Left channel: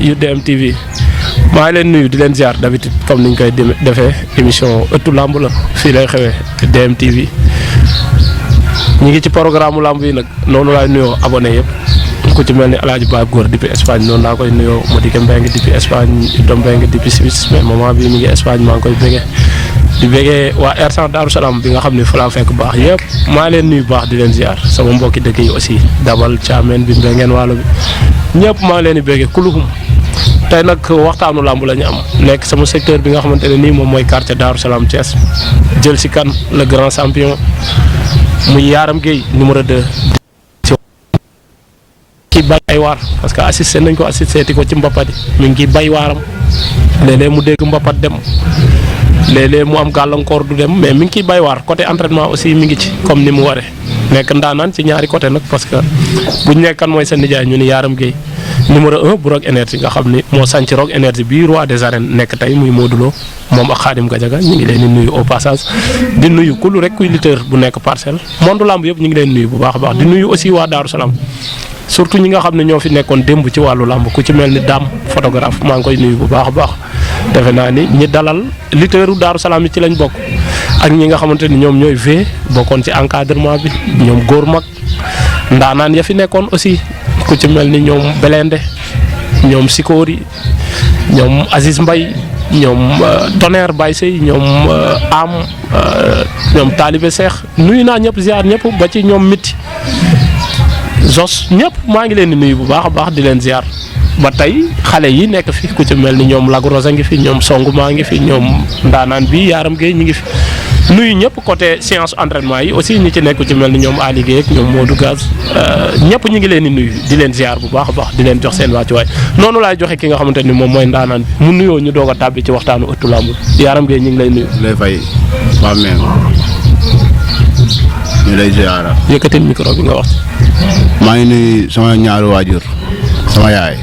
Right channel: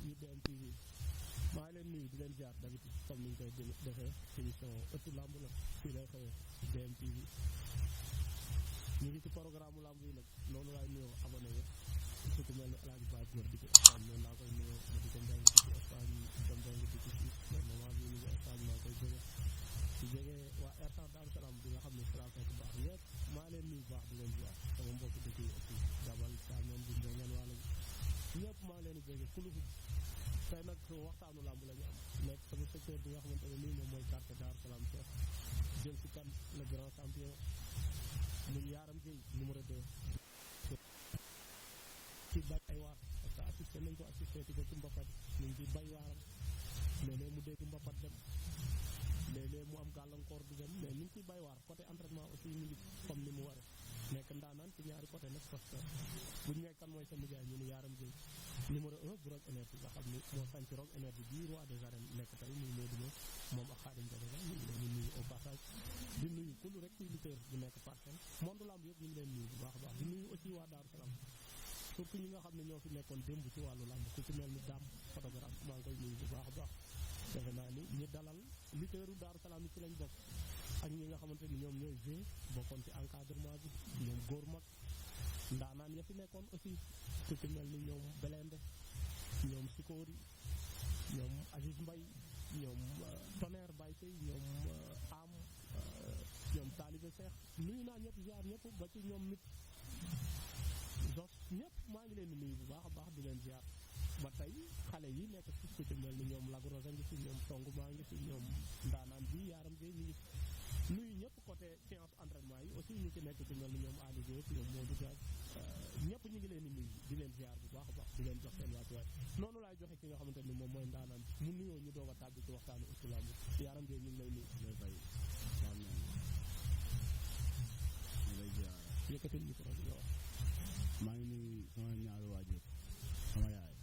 UDM TV maa ngi leen nuyu di leen ziar d'habitude comme niñ koy defee émission ëttu lamb la fii lay xewee UDM TV ñi ngi ci programme lamb yi nag noonu laay nuyoo abonné yëpp ku ci mel ni El Hadj Ba Góor depuis Espagne noonu laa koy nuyoo Madické Mbengue depuis Espagne Idom Mbengue depuis Suisse mais moment bii mi ngi Espagne maa ngi koy bëggee di bëggee waa R100 Darou Salam bi nga xam ne fa laa fekk baax yëpp maa leen nuyu baax di leen ziar sama mbokki dëkk yi aussi Dabal Thiamène bi Mbengeen Waalo bi ñëpp maa leen di bëggee kuluhum tey nag waxtaanu lamb la ñu am nekk sama secteur bi nga xamante ne nii moom mooy quartier Darou Salam Thiès jël si kan le grand champion muy Yaram Gueye numéro 2. kii bay ay waar parce que assisté nañ ko assisté ti ko ci mbapat yi mi ngi bay waaram léeg-léeg mu dégg mbapat dem léeg-léeg mu am gàllankoor du dem mais mi ngi ciy bay waar côté entraînement aussi mi ngi ci comme ni mu waree nekk ndaanaan ci ñaari côté nag parce que buñ nekkan mooy sa nijaay ñu ni Yaram Gueye numéro 1 bu Rock Énergie nga xam ni moo sànci Rock Énergie bi roi des arènes nekk tey muy Modou Lo moom ak Khadim Gadiaga ñu ngi leen di nuyu au passage di nuyu kulu rek kuy lutteur bu nekk parcelle monde lamb yëpp ñu ngi leen nuyu bu baax a baax di nuyu aussi waa Darou Salam surtout ñi nga xam ne ñoo fi nekkoon démb ci wàllu lamb ku ci mel ni Dame photographe maa ngi koy nuyu bu baax a baax defe naa ni ñi dalal lutteuru Darou Salam yi ci lañ bokk ak ñi nga xamante ni ñoom ñooy v bokkoon ci encadrement bi ñoom góor mag ndaanaan ya fi nekkoon aussi ku ci mel ni ñoom Belende ñoom Sikori ñoom Aziz Mbaye ñoom Tonnerre Baye Sey ñoom Am ñoom Talibé Cheikh nuyu naa ñëpp ziar ñëpp ba ci ñoom Miti Zos ñëpp maa ngi leen di nuyu bu baax a baax di leen ziar ba tey xale yi nekk fi ku ci mel ni ñoom Lagrosa ngi fi ñoom Songu maa ngi fi ñoom ndaanaan bi Yaram Gueye ñi ngi fi nuyu ñëpp côté séance entraînement yi aussi ñi ci nekk ku ci mel ni ñoom Ali Gueye ak ñoom Modou Gaz ñëpp ñi ngi leen di nuyu di leen ziar bu baax a baax di leen jox seen wàccuwaay noonu laay joxe ki nga xamante ni moom mooy ndaanaan bi mu nuyoo ñu doog a tàbbi ci waxtaanu ëttu lamb Yaram Gueye ñu ngi lay nuyu. lay fay waa même ñu lay ziara. yëkkatil micro bi nga wax. maa ngi nuyu sama ñaari waajur sama yaay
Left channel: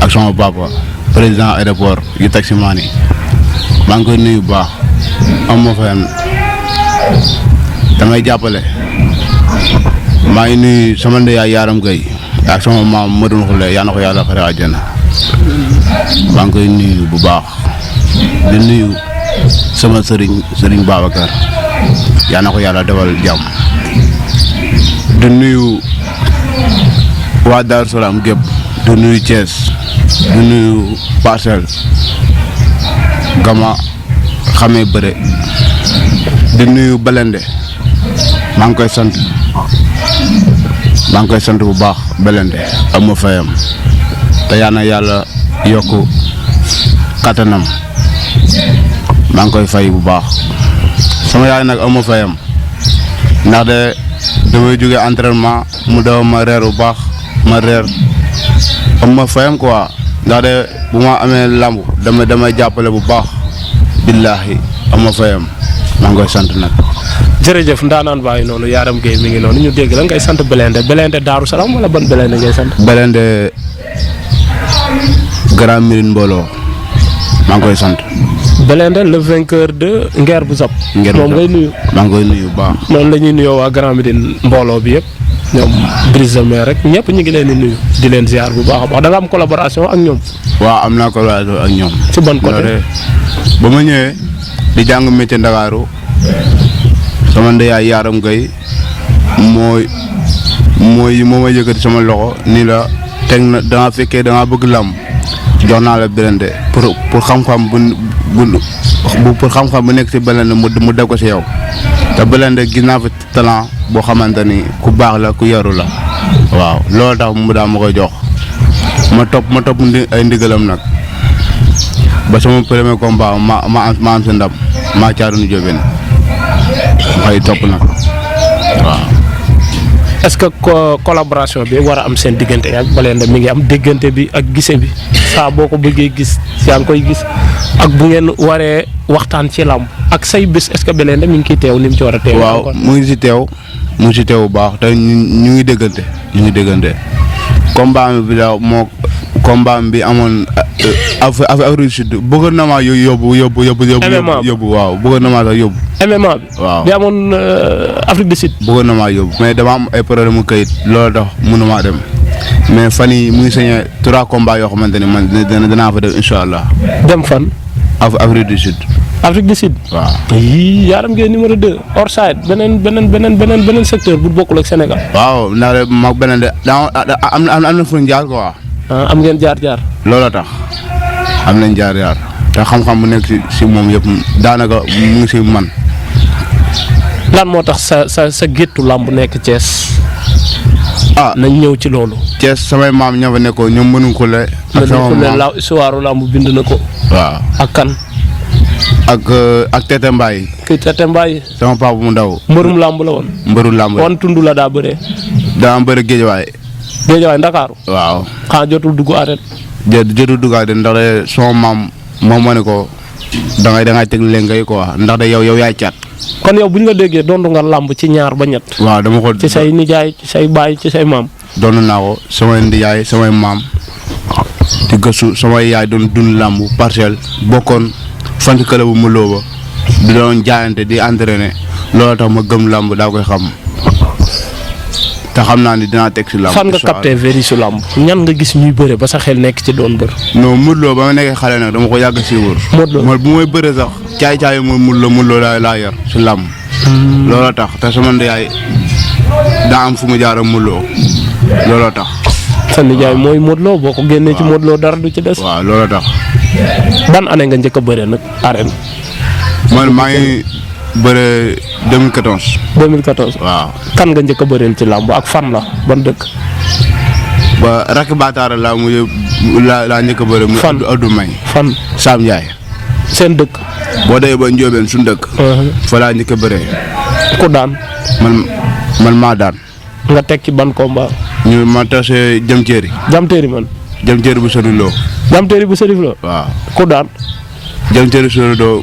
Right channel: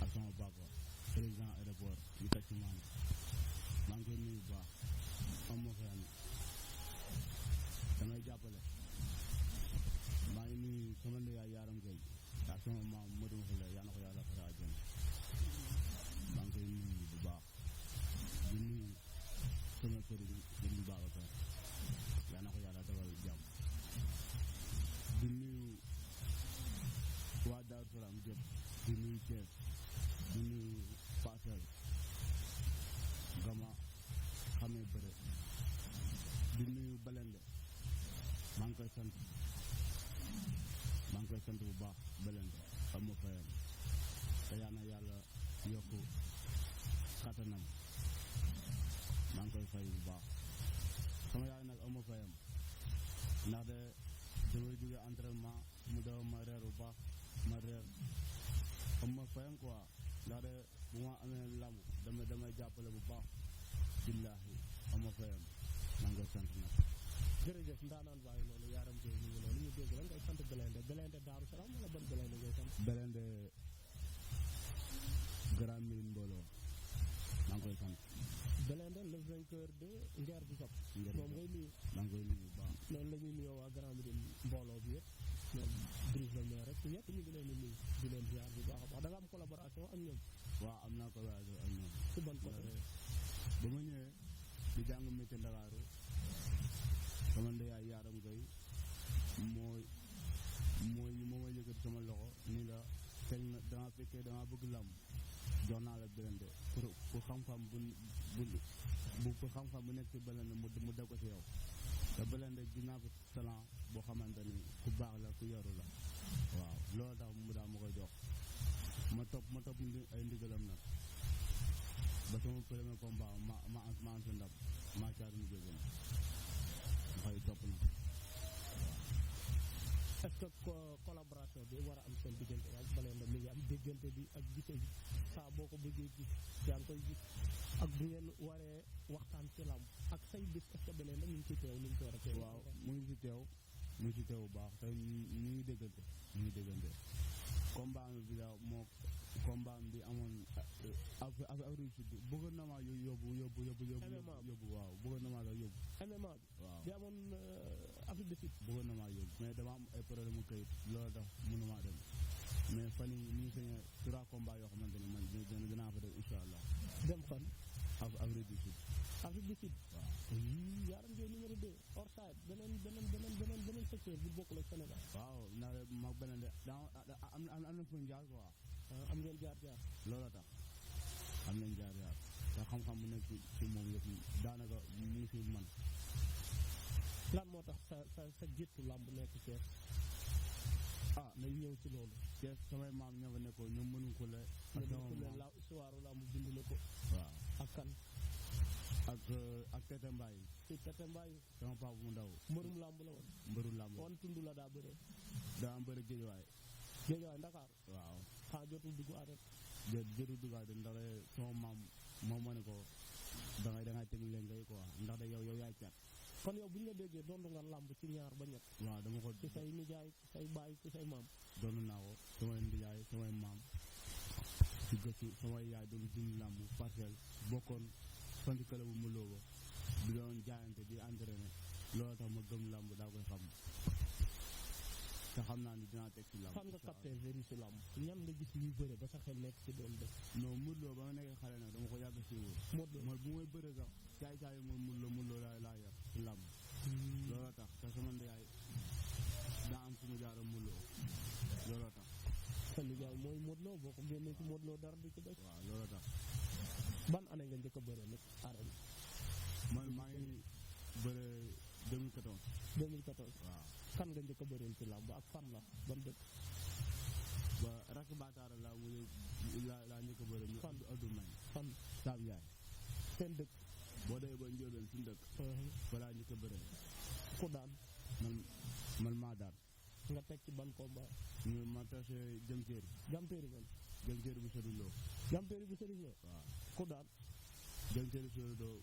ak sama papa président aéroport yu taximaan yi maa ngi koy nuyu bu baax am ma fayam damay jàppale maa ngi nuyu sama ndeyaay Yaram Gueye ak sama maam Madou Khoule yaa na ko yàlla xare àjjana maa ngi koy nuyu bu baax di nuyu sama sëriñ Babacar yaa na ko yàlla defal jàmm di nuyu waa Darou Salam gépp di nuyu Thiès di nuyu Parcelles Gama xamee bëre di nuyu Belende maa ngi koy sant bu baax Belende am ma fayam te yaa na yàlla yokk kattanam maa ngi koy fay bu baax sama yaay nag am ma fayam ndax de damay jóge entraînement mu daw ma reer bu baax ma reer am ma fayam quoi ndax de bu ma amee lamb damay jàppale bu baax billaahi am ma fayam maa ngi koy sant nag. jërëjëf ndaanaan bàyyi noonu Yaram Gueye mi ngi noonu ñu dégg la ngay sant Belende Darou Salam wala ban Belende ngay sant. Belende Grand Médine mbooloo maa ngi koy sant. Belende le vainqueur de Nguer bu Zap. moom ngay nuyu. maa ngi koy nuyu bu baax. noonu la ñuy nuyoo waa Grand Médine mbooloo bi yëpp ñoom Brise de Mer rek ñëpp ñu ngi leen di nuyu di leen ziar bu baax a baax da nga am collaboration ak ñoom. waaw am naa collaboration ak ñoom. ci ban côté. ba ma ñëwee di jàng métier Ndakaaru sama ndeyaay Yaram Gueye moo ma yëkkati sama loxo nii la teg na da nga fekkee da nga bëgg làmb jox naa la Belende pour xam-xam pour xam-xam bu nekk ci Belende mu def ko ci yow te Belende gis naa fi talent boo xamante ni ku baax la ku yaru la waaw loolu tax mu daa ma koy jox ma topp ay ndigalam nag ba sama premier combat ma am sa ndam maa caarunu jóbeen ma xëy topp nag waaw. est-ce que collaboration bi war a am seen diggante ak Belende mi ngi am déggante bi ak gise bi saa boo ko bëggee gis yaa ngi koy gis ak bu ngeen waree waxtaan ci làmb ak say bés est-ce que Belende mi ngi ciy teew ni mu ci war a teew. waaw mu ngi si teew bu baax te ñu ngi déggante combat bi la moo combat bi amoon Afrique du Sud bëggoon na maa yóbbu waaw bëggoon na maa sax yóbbu. MMA bi. waaw bi amoon Afrique du Sud. bëggoon na maa yóbbu mais dama am ay problème mu kayit loolu tax mënumaa dem mais fan yii mu ngi sañee 3 combats yoo xamante ne man danaa fa def incha allah. dem fan. Afrique du Sud. Afrique du Sud. waaw. yii Yaram Gueye numéro 2 hors side beneen secteur bu bokkul ak Sénégal. waaw ndax de mag beneen de am na fu ñu jaar quoi. am ngeen jaar. looloo tax am nañ jaar te xam-xam bu nekk si moom yëpp daanaka mu ngi si man. lan moo tax sa géttu làmb nekk Thiès. nañ ñëw ci loolu. Thiès samay maam ñoo fa nekkoon ñoom mënuñ ko le. ak sama maam la histoire làmb bind na ko. waaw ak kan. ak Tete Mbaye. kii Tete Mbaye. sama papa mu ndaw. mbërum làmb la woon. mbëru làmb wan tund la daa bëree. daa bëri Géejawaay. Géejawaay Ndakaaru. waaw. xanaa jotul dugg arène. jotul dugg arène ndax de sama maam moom ma ne ko dangay teg leen ngay quoi ndax de yow yaay caat. kon yow bu ñu la déggee doon nga làmb ci ñaar ba ñett. waaw dama ko ci say nijaay ci say baay ci say maam. doon naa ko samay nijaay samay maam di gëstu samay yaay doon dund làmb parcelle bokkoon fan si club bu Muloo ba di doon jaayante di entraîné loolu tax ma gëm làmb daa koy xam te xam naa ni dinaa teg si làmb. fan nga capté véri su làmb ñan nga gis ñuy bëre ba sa xel nekk ci doon bër. non Muloo ba ma nekkee xale nag dama ko yàgg si wër. Modou Lo bu may bëre sax caay mooy Muloo laa yar si làmb. looloo tax te sama yaay daa am fu mu jaar ak Muloo looloo tax. sa nijaay mooy Modou Lo boo ko génnee ci Modou Lo dara du ci des. waaw looloo tax. ban année nga njëkk a bëre nag arène. man maa ngi bëre 2014. 2014. waaw. kan nga njëkk a bëreel ci làmb ak fan la ban dëkk. ba rakk Bataara laa njëkk a bëre. fan mu Adou May. fan. Sam Ndiaye. seen dëkk. boo demee ba Ndiobène suñu dëkk. fa laa njëkk a bëree. ku daan. man maa daan. nga teg ci ban combat. ñu ma tase jëm ceeri. jamteeri man. jëm ceeri bu sori loo. jamteeri bu sërif la. waaw. ku daan. jëm ceeri sori loo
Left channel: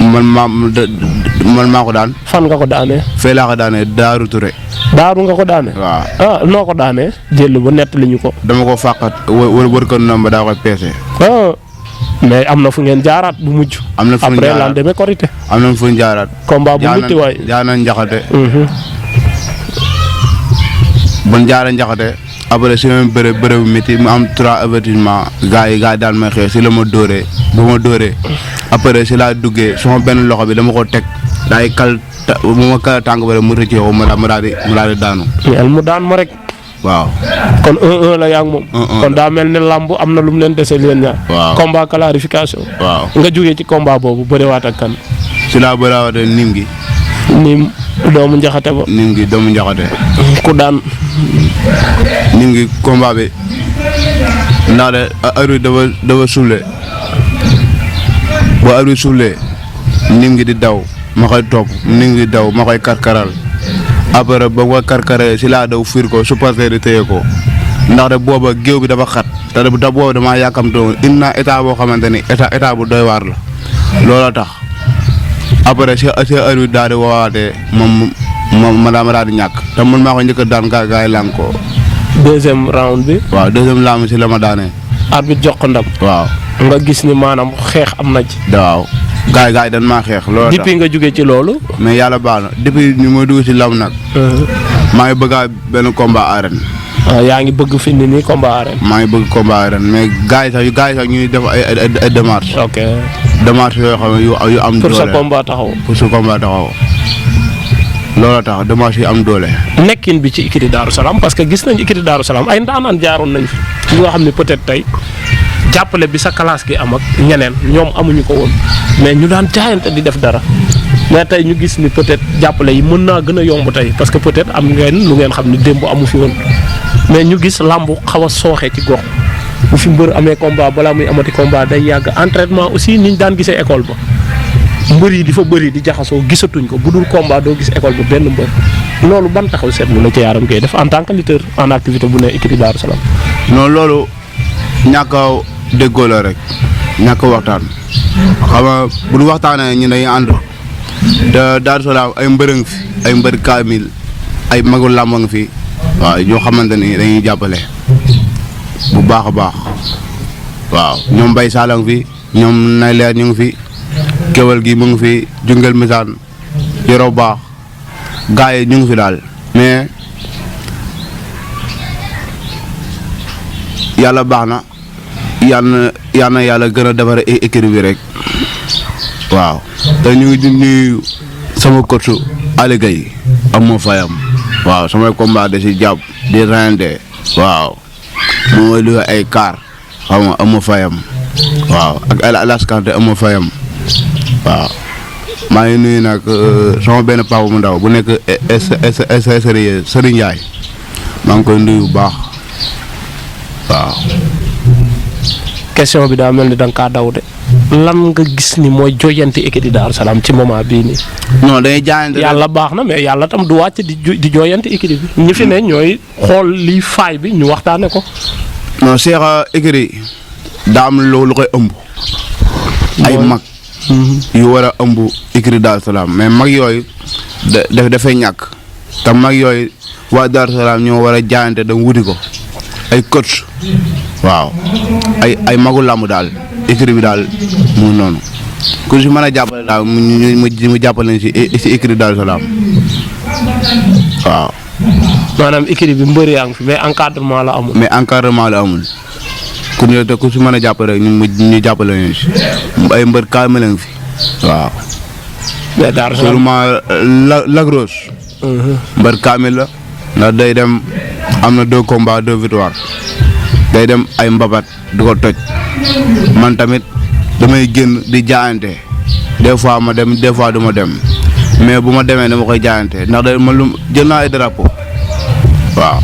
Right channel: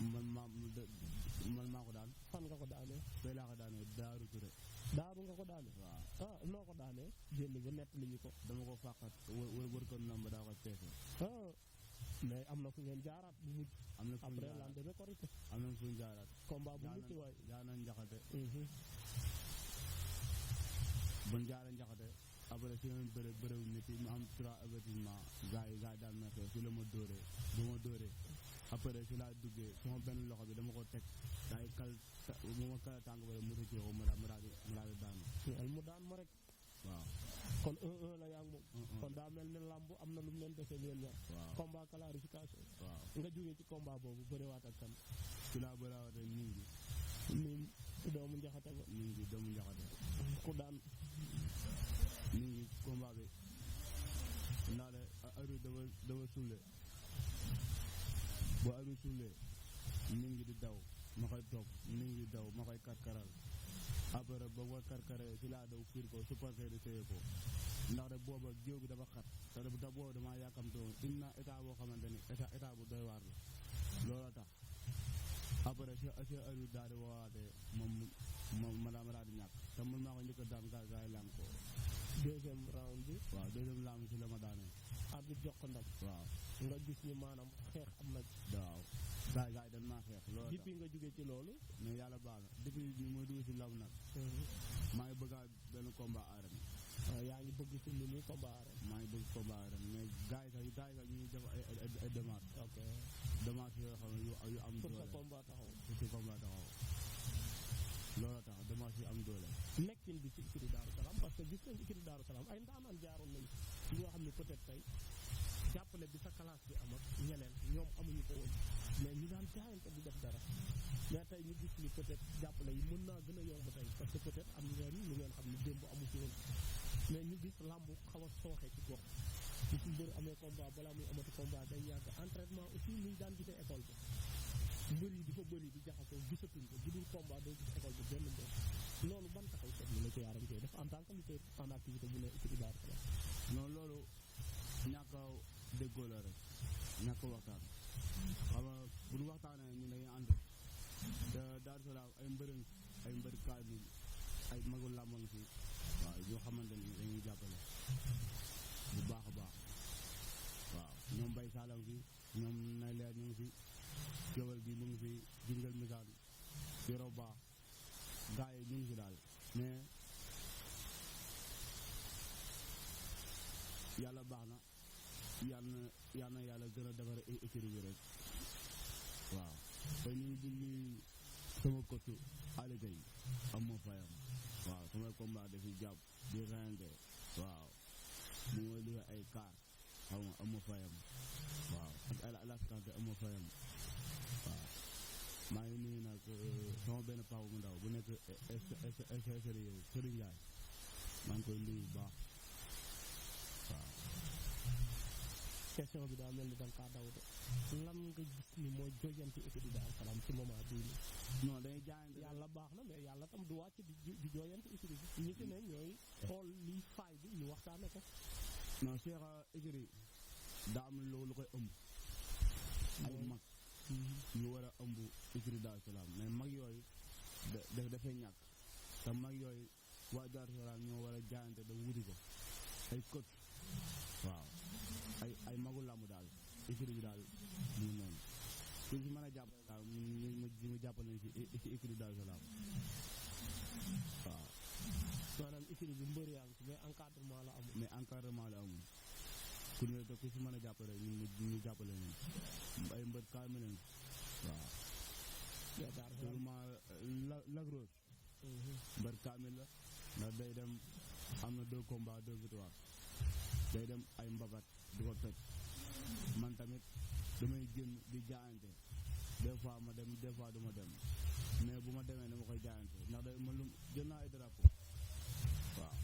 man maa ko daan. fan nga ko daanee. fee laa ko daanee Daaru Touré. daaru nga ko daanee. waaw. noo ko daanee. jël ba nett li ñu ko. dama ko fàqat wër ko noonu ba daa koy peese. mais am na fu ngeen jaaraat bu mujj. am na fu ñu après lan demee korité. am na fu ñu jaaraat. combat bu mutti waay. jaana njaxate. bon jaara njaxate. après si ma bëre bu métti mu am 3 avertissement gars yi daan may xeex si la ma dóoree ba ma dóoree après si laa duggee sama benn loxo bi dama ko teg daay kal bu ma kal tànk ba rek mu rëccee ko mu daal di daanu. mais mu daan ma rek. waaw. kon 1-1 la yaa ngi moom. kon daa mel ne làmb am na lu mu leen dese leen ñaar. waaw combat clarification. waaw nga jógee ci combat boobu bëriwaat ak kan. si laa bëriwaatee nim gi. nim doomu njaxate ba. nim gi doomu njaxate. ku daan. nim gi combat bi ndax de heure dafa suule ba heure suulee nim gi di daw ma koy topp nim gi di daw ma koy karkaral. après ba nga karkaree si laa daw fiir ko supporter di téye ko ndax de booba géew bi dafa xat te booba damaa yàkkamtoo indi naa état boo xamante ni état bu doy waar la looloo tax après si heure bi daal di woowaatee ma daal di ñàkk te man maa ko njëkk a daan gaa yi làng ko. deuxième round bi. waaw deuxième round si la ma daanee. arbitre jox ko ndam. waaw. nga gis ni maanaam xeex am na ci. waaw. gaa yi dañ maa xeex loolu tax depuis nga jógee ci loolu. mais yàlla baax na depuis ñu ma dugg ci lam nag. maa ngi bëgg benn combat arène. yaa ngi bëgg fi ni nii combat arène. maa ngi bëgg combat arène mais gaa yi sax ñuy def ay démarches. ok démarches yoo xam ne yu am. doole pour sa combat taxaw. loolu tax démarches yi am doole. nekkin bi ci écurie Daaru Salaam parce que gis nañ écurie Daaru Salaam ay ndaanaan jaaroon nañ fi ñoo xam ne peut-être tey. jàppale bi sa classe gi am ak ñeneen ñoom amuñu ko woon mais ñu daan jaayante di def dara mais tey ñu gis ni peut-être jàppale yi mën naa gën a yomb tey parce que peut-être am ngeen lu ngeen xam ni démb amu fi woon mais ñu gis làmb xaw a sooxee ci gox bu fi mbër amee combat balaa muy amati combat day yàgg entraînement aussi niñ daan gisee école ba mbër yi di fa bëri di jaxasoo gisatuñ ko bu dul combat doo gis école ba benn mbër loolu ban taxaw seetlu la ci Yaram Gueye def en tant que lutteur en activité bu ne écurie Daaru Salaam. non loolu ñàkk déggoo la rek ñàkk waxtaan xam nga bu ñu waxtaanee ñu dañuy ànd te Daaru Salaam ay mbërëng fi ay mbër kaamil ay magul làmb nga fi waaw ñoo xamante ni dañuy jàppale bu baax a baax waaw ñoom Bay Salang fi ñoom nay leer ñu ngi fi kéwal gi mu ngi fi jungal misaan yoroo baax gars yi ñu ngi fi daal mais yàlla baax na yàlla gën a defar équipe bi rek waaw te ñu ngi di nuyu sama coach Aliou Gueye am ma fayam waaw samay combat da si jàpp di rende waaw moom mooy lu ay kaar xam nga am ma fayam waaw ak Alas Kanté am ma fayam waaw maa ngi nuyu nag sama benn papa mu ndaw bu nekk Serigne Ndiaye maa ngi koy nuyu bu baax waaw. question bi daa mel ni da nga kaa daw de lan nga gis ni mooy joyanti équipe di Daaru Salaam ci moment bii nii. non dañuy jaayante yàlla baax na mais yàlla tam du wàcc di joyanti équipe bi ñi fi ne ñooy xool lii faay bi ñu waxtaane ko. non Cheikh écurie daa am lu koy ëmb. ay mag. yu war a ëmb écurie Daaru Salaam mais mag yooyu dafay ñàkk te mag yooyu waa Daaru Salaam ñoo war a jaayante da wuti ko ay coach waaw ay magu làmb daal écurie bi daal mu noonu ku si mën a jàppale daal mu jàppale si écurie Daaru Salaam waaw. maanaam écurie bi mbër yaa ngi fi mais encadrement la amul. mais encadrement la amul ku si mën a jàppale rek ñu jàppale ñu si ay mbër kaame lañ fi waaw. mais Daaru Salaam seulement Lagros. mbër kaame la ndax day dem am na 2 combats 2 victoires day dem ay mbabat du ko toj man tamit damay génn di jaayante des fois ma dem des fois du ma dem mais bu ma demee dama koy jaayante ndax day man lu jël naa ay drapeau waaw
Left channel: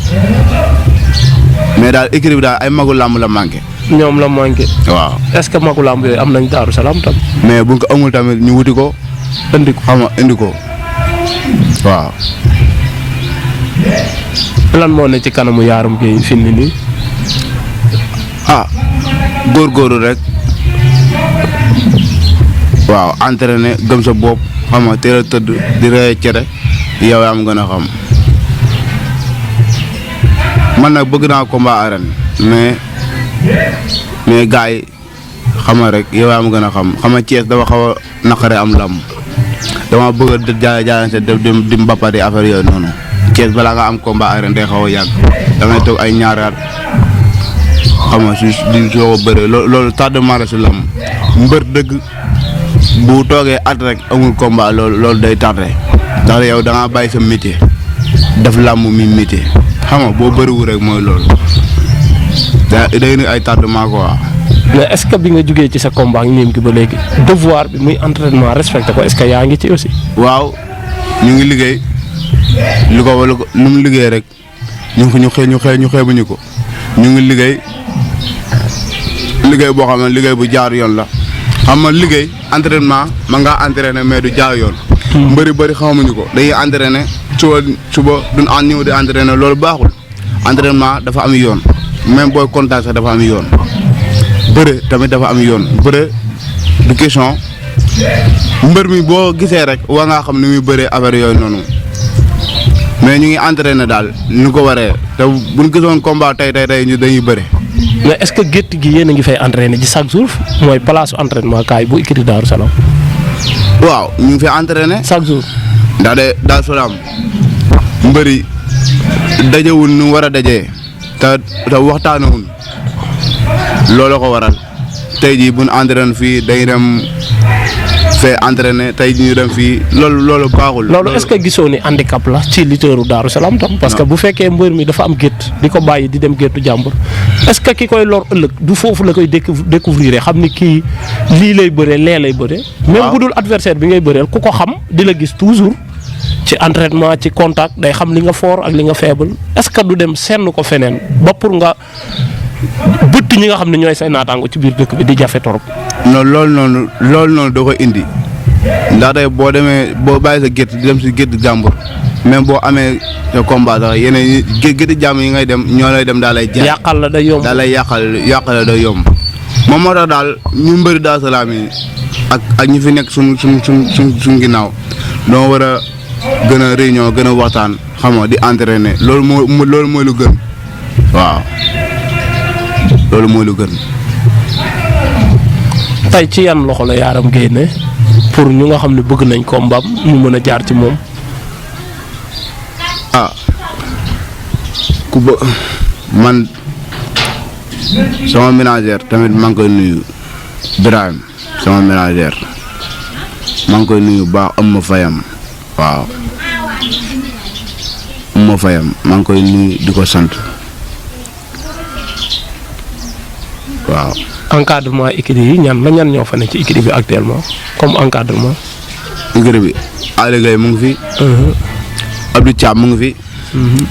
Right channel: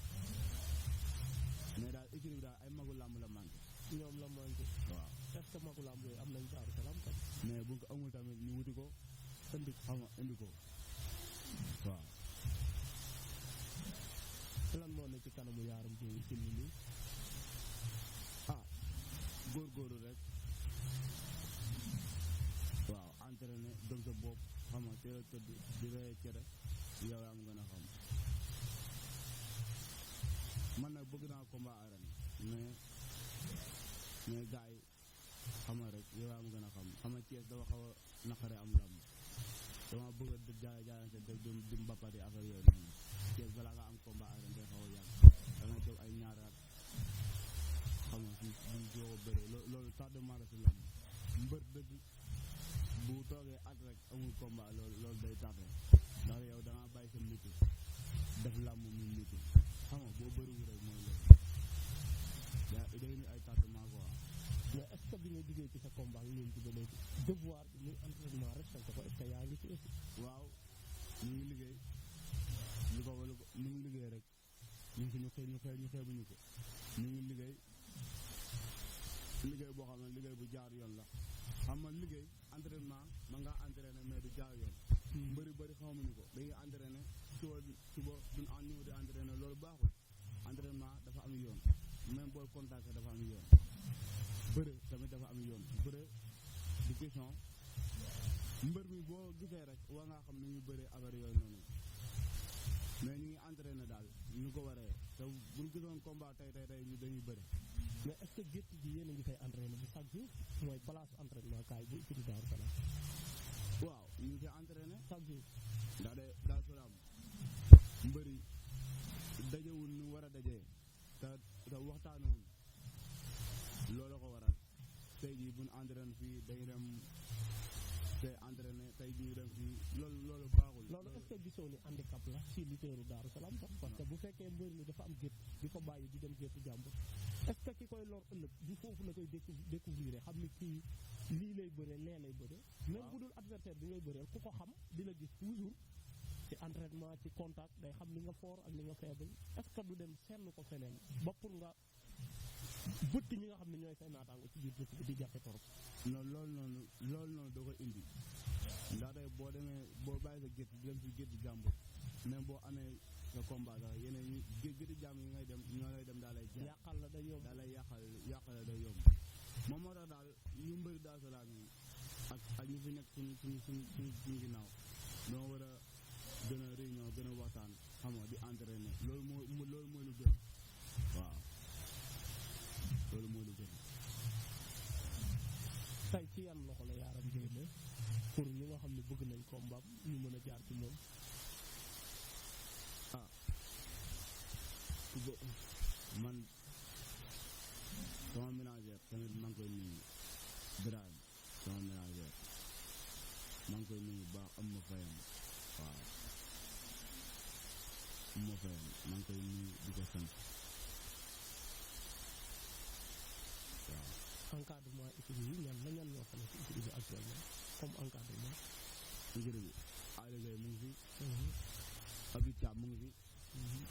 mais daal équipe bi daal ay magu làmb la manqué. ñoom la manqué. waaw est-ce que magu làmb yooyu am nañ Daaru Salaam tam. mais buñ ko amul tamit ñu wuti ko indi ko xam nga indi ko waaw. lan moo ne ci kanamu Yaram Gueye fi mu nii. góorgóorlu rek waaw entraîné gëm sa bopp xam nga teel a tëdd di rey cere yow yaa am gën a xam man nag bëgg naa combat arène mais gars yi xam nga rek yow yaa am gën a xam nga Thiès dafa xaw a naqare am lam dama bëgg a jaayante di mbappati affaire yooyu noonu Thiès balaa nga am combat arène day xaw a yàgg da ngay toog ay ñaari at xam nga di soo ko bëree loolu tardement la si lam mbër dëgg bu toogee at rek amul combat loolu day tardé ndax yow da ngaa bàyyi sa métier def làmb mi métier xam nga boo bëriwul rek mooy loolu day ni ay tardement quoi. mais est-ce que bi nga jugee ci sa combat ak ñoom gi ba léegi devoir bi muy entraînement respecté ko est-ce que yaa ngi ci aussi. waaw ñu ngi liggéey lu mu liggéey rek ñu xeebuñu ko ñu ngi liggéey boo xam ne liggéey bu jaar yoon la xam nga liggéey entraînement ma ngaa entraîné mais du jaar yoon. bëri xamuñu ko dañuy entraîné suba duñ ñëw di entraîné loolu baaxul entraînement dafa am yoon même booy contact sax dafa am yoon bëre tamit dafa am yoon bëre du question mbër mi boo gisee rek waa ngaa xam ni muy bëree affaire yooyu noonu mais ñu ngi entraîné daal ñu ko waree te buñ gisoon combat tey ñu dañuy bëre. mais est-ce que gétt gi yéen a ngi fay entraîné ci chaque jour mooy place entraînement kaay bu écurie Daaru Salaam. waaw ñu ngi fay entraîné. chaque jour. ndax de Daaru Salaam mbëri dajewul nu war a dajee te waxtaanawul loolu ko waral tey jii bu ñu entraîné fii dañuy dem fee entraîné tey jii ñu dem fii loolu baaxul. loolu est-ce que gisoo ni handicap la ci lutteuru Daaru Salaam tam. parce que bu fekkee mbër mi dafa am gétt di ko bàyyi di dem géttu jàmbur est-ce que ki koy lor ëllëg du foofu la koy découvrir xam ni kii lii lay bëree lee lay bëree. même bu dul adversaire bi ngay bëreel ku ko xam di la gis toujours ci entraînement ci contact day xam li nga fort ak li nga faible est-ce que du dem senn ko feneen ba pour nga bëtt ñi nga xam ne ñooy say naataango ci biir dëkk bi di jafe torop. non loolu noonu da koy indi ndax tey boo demee boo bàyyi sa gétt di dem si gétt jàmbur même boo amee sa combat sax yeneen gétti jàmbur yi ngay dem ñoo lay dem daal lay jaay yàqal la day yomb daal lay yàqal la day yomb moom moo tax daal ñu mbëri Daaru Salaam yi ak ñi fi nekk suñ ginnaaw doo war a gën a réunion gën a waxtaan xam nga di entraîner loolu mooy lu gën waaw loolu mooy lu gën. tey ci yan loxo la Yaram Gueye ne pour ñu nga xam ne bëgg nañ ko mbam ñu mën a jaar ci moom. ku ba man sama ménagère tamit maa ngi koy nuyu Birahim sama ménagère maa ngi koy nuyu baax am ma fayam waaw am ma fayam maa ngi koy nuyu di ko sant waaw. encadrement écurie yi ñan ñoo fa ne ci écurie bi actuellement comme encadrement. écurie bi Aliou Gueye mu ngi fi. Abdou Thiam mu ngi fi.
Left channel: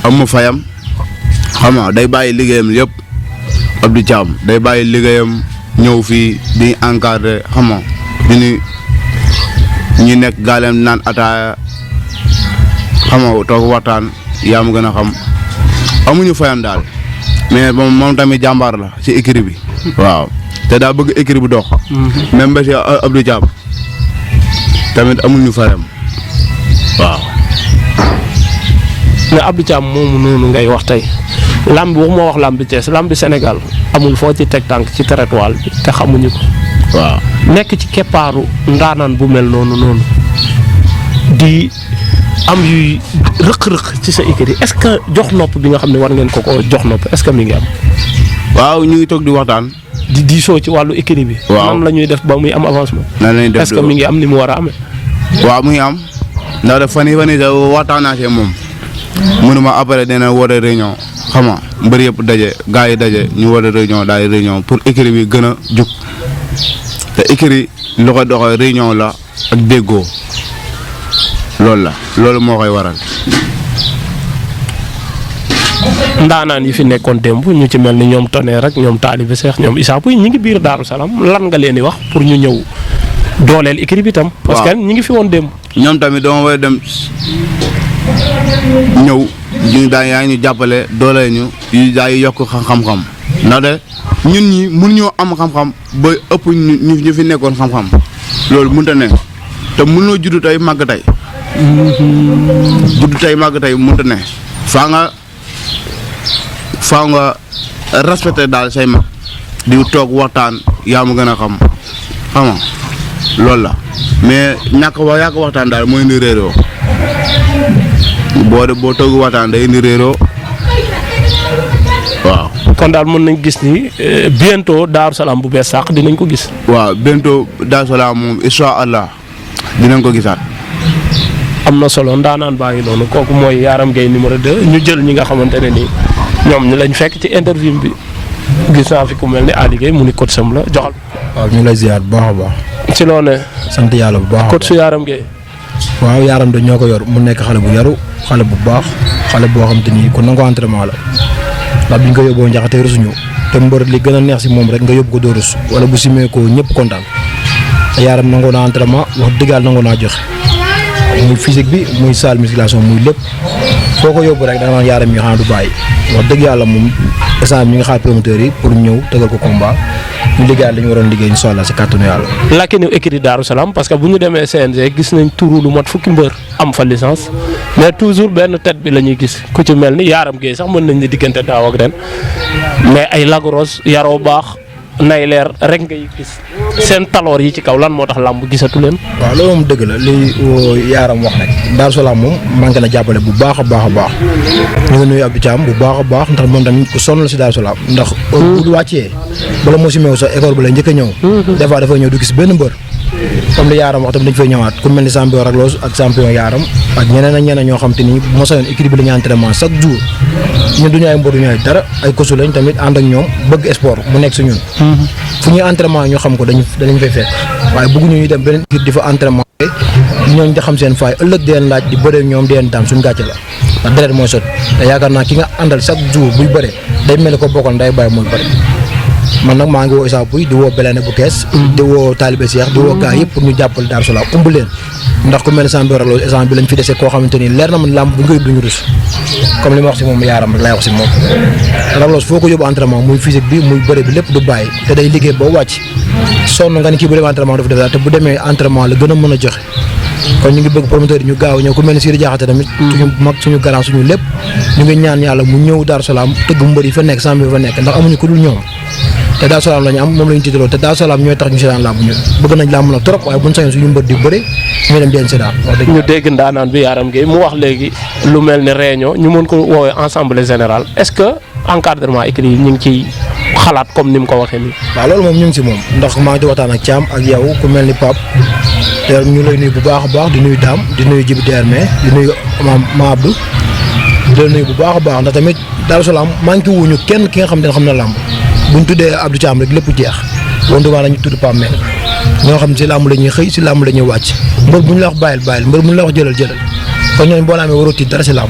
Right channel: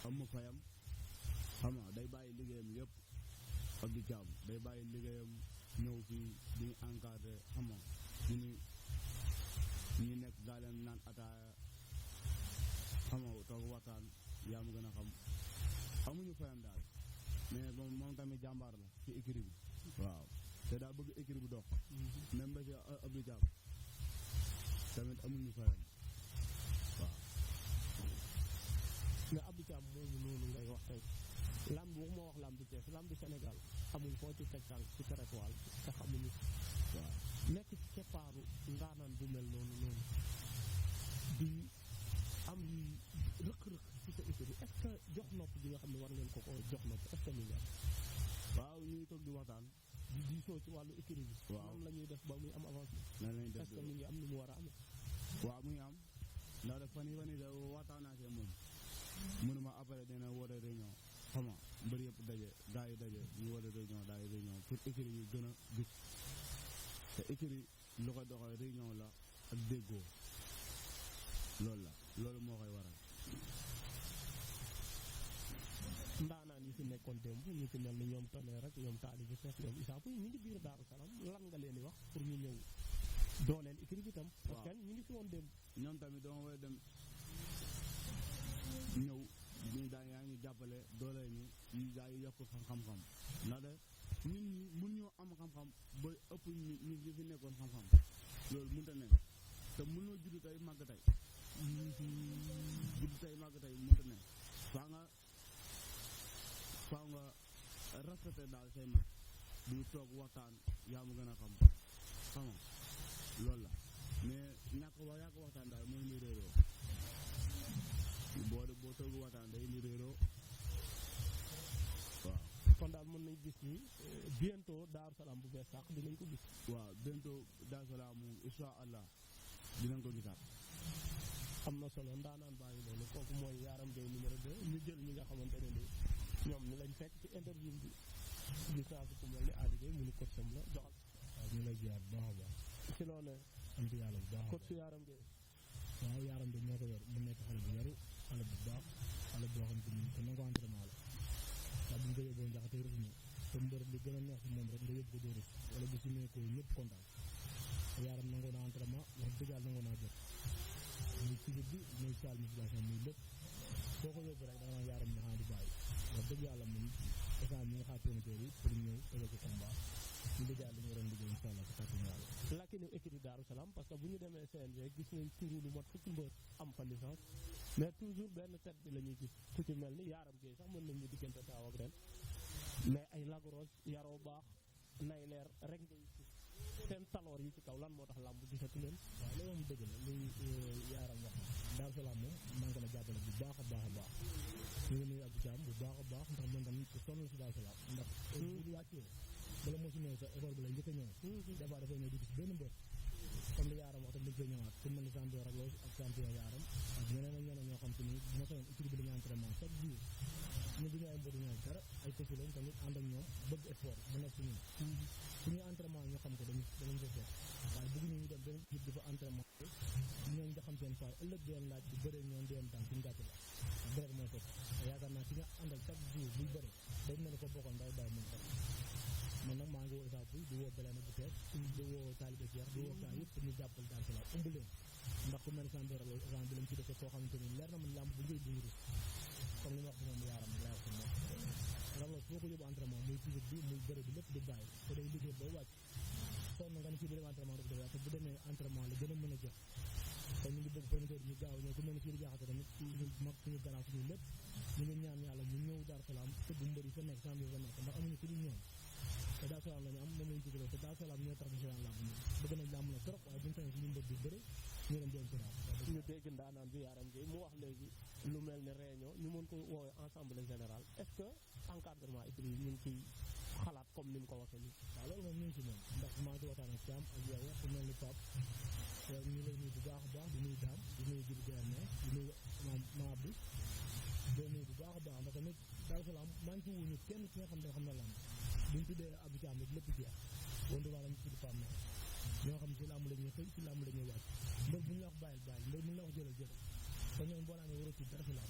am ma fayam xam nga day bàyyi liggéeyam yëpp Abdou Thiam day bàyyi liggéeyam ñëw fii di encadré xam nga ñu nekk gaaleem naan ataaya xam nga toog waxtaan yaa ma gën a xam amuñu fayam daal mais moom tamit jàmbaar la ci écurie bi. waaw te daa bëgg écurie bi dox. même ba ci Abdou Thiam tamit amuñu fayam waaw. mais Abdou Thiam moomu noonu ngay wax tey lamb waxuma wax lamb bi Thiès lamb bi Sénégal amul foo ci teg tànk ci territoire bi te xamuñu ko. waaw nekk ci keppaaru ndaanaan bu mel noonu di am yuy rëq-rëq ci sa écurie est-ce que jox nopp bi nga xam ne war ngeen ko jox nopp est-ce que mi ngi am. waaw ñu ngi toog di waxtaan. di diisoo ci wàllu écurie bi. waaw nan la ñuy def ba muy am avancement. nan la ñuy def est-ce que mi ngi am ni mu war a amee. waaw mu ngi am ndax daf fan yii sax waxtaan naa see moom mënuma après dina woote réunion xam nga mbër yëpp daje gars yi daje ñu woote réunion daal di réunion pour écurie bi gën a jug te écurie lu ko doxee réunion la ak déggoo loolu moo koy waral. ndaanaan yi fi nekkoon démb ñu ci mel ni ñoom Tonnerre rek ñoom Talibé Cheikh ñoom Issa Pouye ñi ngi biir Daaru Salaam lan nga leen di wax pour ñu ñëw dooleel écurie bi tam. parce que ñi ngi fi woon démb. ñoom tamit dama war a dem ñëw ñu daan yaa ñu jàppale dooleel ñu yu daa yokk xam-xam ndaxte ñun ñi mënuñoo am xam-xam ba ëpp ñu fi nekkoon xam-xam loolu mënut a ne te mënuloo juddu tey màgg tey. juddu tey màgg tey mënut a ne faaw nga respecté daal say mag di toog waxtaan yaa ma gën a xam nga loolu la mais ñàkk waxtaan daal mooy indi réeroo boo toog waxtaan day indi réeroo waaw. kon daal mën nañ gis ni bientôt Daaru Salaam bu bees sax dinañ ko gis. waaw bientôt Daaru Salaam moom incha allah dinañ ko gisaat. am na solo ndaanaan baa ngi noonu kooku mooy Yaram Gueye numéro 2 ñu jël ñi nga xamante ne nii ñoom ñu lañ fekk ci interview bi gis naa fi ku mel ni Aliou Gueye mu ni coach sam la joxal. waaw ñu ngi lay ziar bu baax a baax. ci loo ne. sant yàlla bu baax. coach su Yaram Gueye. waaw Yaram de ñoo ko yor mu nekk xale bu yaru xale bu baax xale boo xam te ni ku nangoo entraînement la ndax bi ñu ko yóbboo njaxate rusuñu te mbër li gën a neex si moom rek nga yóbbu ko doo rus wala bu simee ko ñëpp kontaan te Yaram nangoo naa entraînement wax dëgg yàlla nangoo naa joxe muy physique bi muy salle musculation muy lépp foo ko yóbbu rek da nga naan Yaram yi xanaa du bàyyi wax dëgg yàlla moom instant ñu ngi xaar promoteurs yi pour ñëw tëgal ko combat ñu liggéeyal li ñu waroon liggéey incha allah si kàttanu yàlla. lakki ni écurie Daaru Salaam parce que bu ñu demee CNG gis nañ turu lu mat fukki mbër am fa licence mais toujours benn tête bi la ñuy gis ku ci mel ni Yaram Gueye sax mën nañ ni diggante daaw ak ren mais ay lagros yaroo baax nay leer rek ngay gis seen taloor yi ci kaw lan moo tax làmb gisatu leen. waaw loolu moom dëgg la li Yaram wax rek Daaru Salaam moom manqué na jàppale bu baax a baax a baax ñu ngi nuyu Abdou Thiam bu baax a baax ndax moom tamit ku sonn la si Daaru Salaam ndax bu wàccee bala moo si meew sax école bi la njëkk a ñëw des fois dafay ñëw du gis benn mbër comme li Yaram wax tamit dañ fay ñëwaat ku mel ni champion Raglos ak champion Yaram ak ñeneen ak ñeneen ñoo xam te ni bu ma sañoon équipe bi la ñu entraînement chaque jour ñun duñu ay mbër duñu ay dara ay kosu lañ tamit ànd ak ñoom bëgg sport mu nekk si ñun fu ñuy entraînement ñu xam ko dañu fay fekk waaye bëgguñu ñu dem beneen équipe di fa entraînement ñooñu di xam seen faay ëllëg di leen laaj di bëree ñoom di leen daan suñu gàcce la ndax deret mooy sot te yaakaar naa ki nga àndal chaque jour buy bëree day mel ni ko bokkal nday bàyyi mooy bëri man nag maa ngi woo Issa Pouye di woo Belene bu kees di woo Talibé Cheikh di woo gaa yëpp pour ñu jàppale Daaru Salaam ëmb leen ndax ku mel ne champion Lac Rose instant bi lañ fi dese koo xamante ni leer na man làmb bu ñu koy duñu rus comme li ma wax si moom yaaram rek laay wax si moom Lac Rose foo ko yóbbu entraînement muy physique bi muy bëre bi lépp du bàyyi te day liggéey boo wàcc sonn nga ni kii bu demee entraînement dafa def daal te bu demee entraînement la gën a mën a joxe kon ñu ngi bëgg promoteur yi ñu gaaw ñëw ku mel ne Sidi Diakhaté tamit suñu mag suñu garant suñu lépp ñu ngi ñaan yàlla mu ñëw Darou Salaam tëgg mbër yi fa nekk champion yi fa nekk ndax amuñu ku dul ñoom te Darou Salaam la ñu am moom la ñu tiitaloo te Darou Salaam ñooy tax ñu seetaan làmb ñu bëgg nañ làmb nag trop waaye buñ sañoon suñu mbër di bëre ñu dem di leen seetaan wax dëgg ñu dégg ndaanaan bi Yaram Gueye mu wax léegi lu mel ne réunion ñu mën ko woowee assemblée générale est-ce que encadrement écrit yi ñu ngi ciy xalaat comme ni mu ko waxee nii. waaw loolu moom ñu ngi si moom ndax maa ngi di waxtaan ak Thiam ak yow ku mel ni Pape te ñu lay nuyu bu baax a baax di nuyu Dame di nuyu Djibi DRMé di nuyu Ma Abdou di la nuyu bu baax a baax ndax tamit Darou Salaam manqué wuñu kenn ki nga xam ne xam na làmb buñ tuddee Abdou Thiam rek lépp jeex wante waa nañu tudd Pape Meng ñoo xam ne si làmb la ñuy xëy si làmb la ñuy wàcc mbër bu ñu la wax bàyyil mbër bu ñu la wax jëlal kon ñooñu boo amee waroo tiit dara si làmb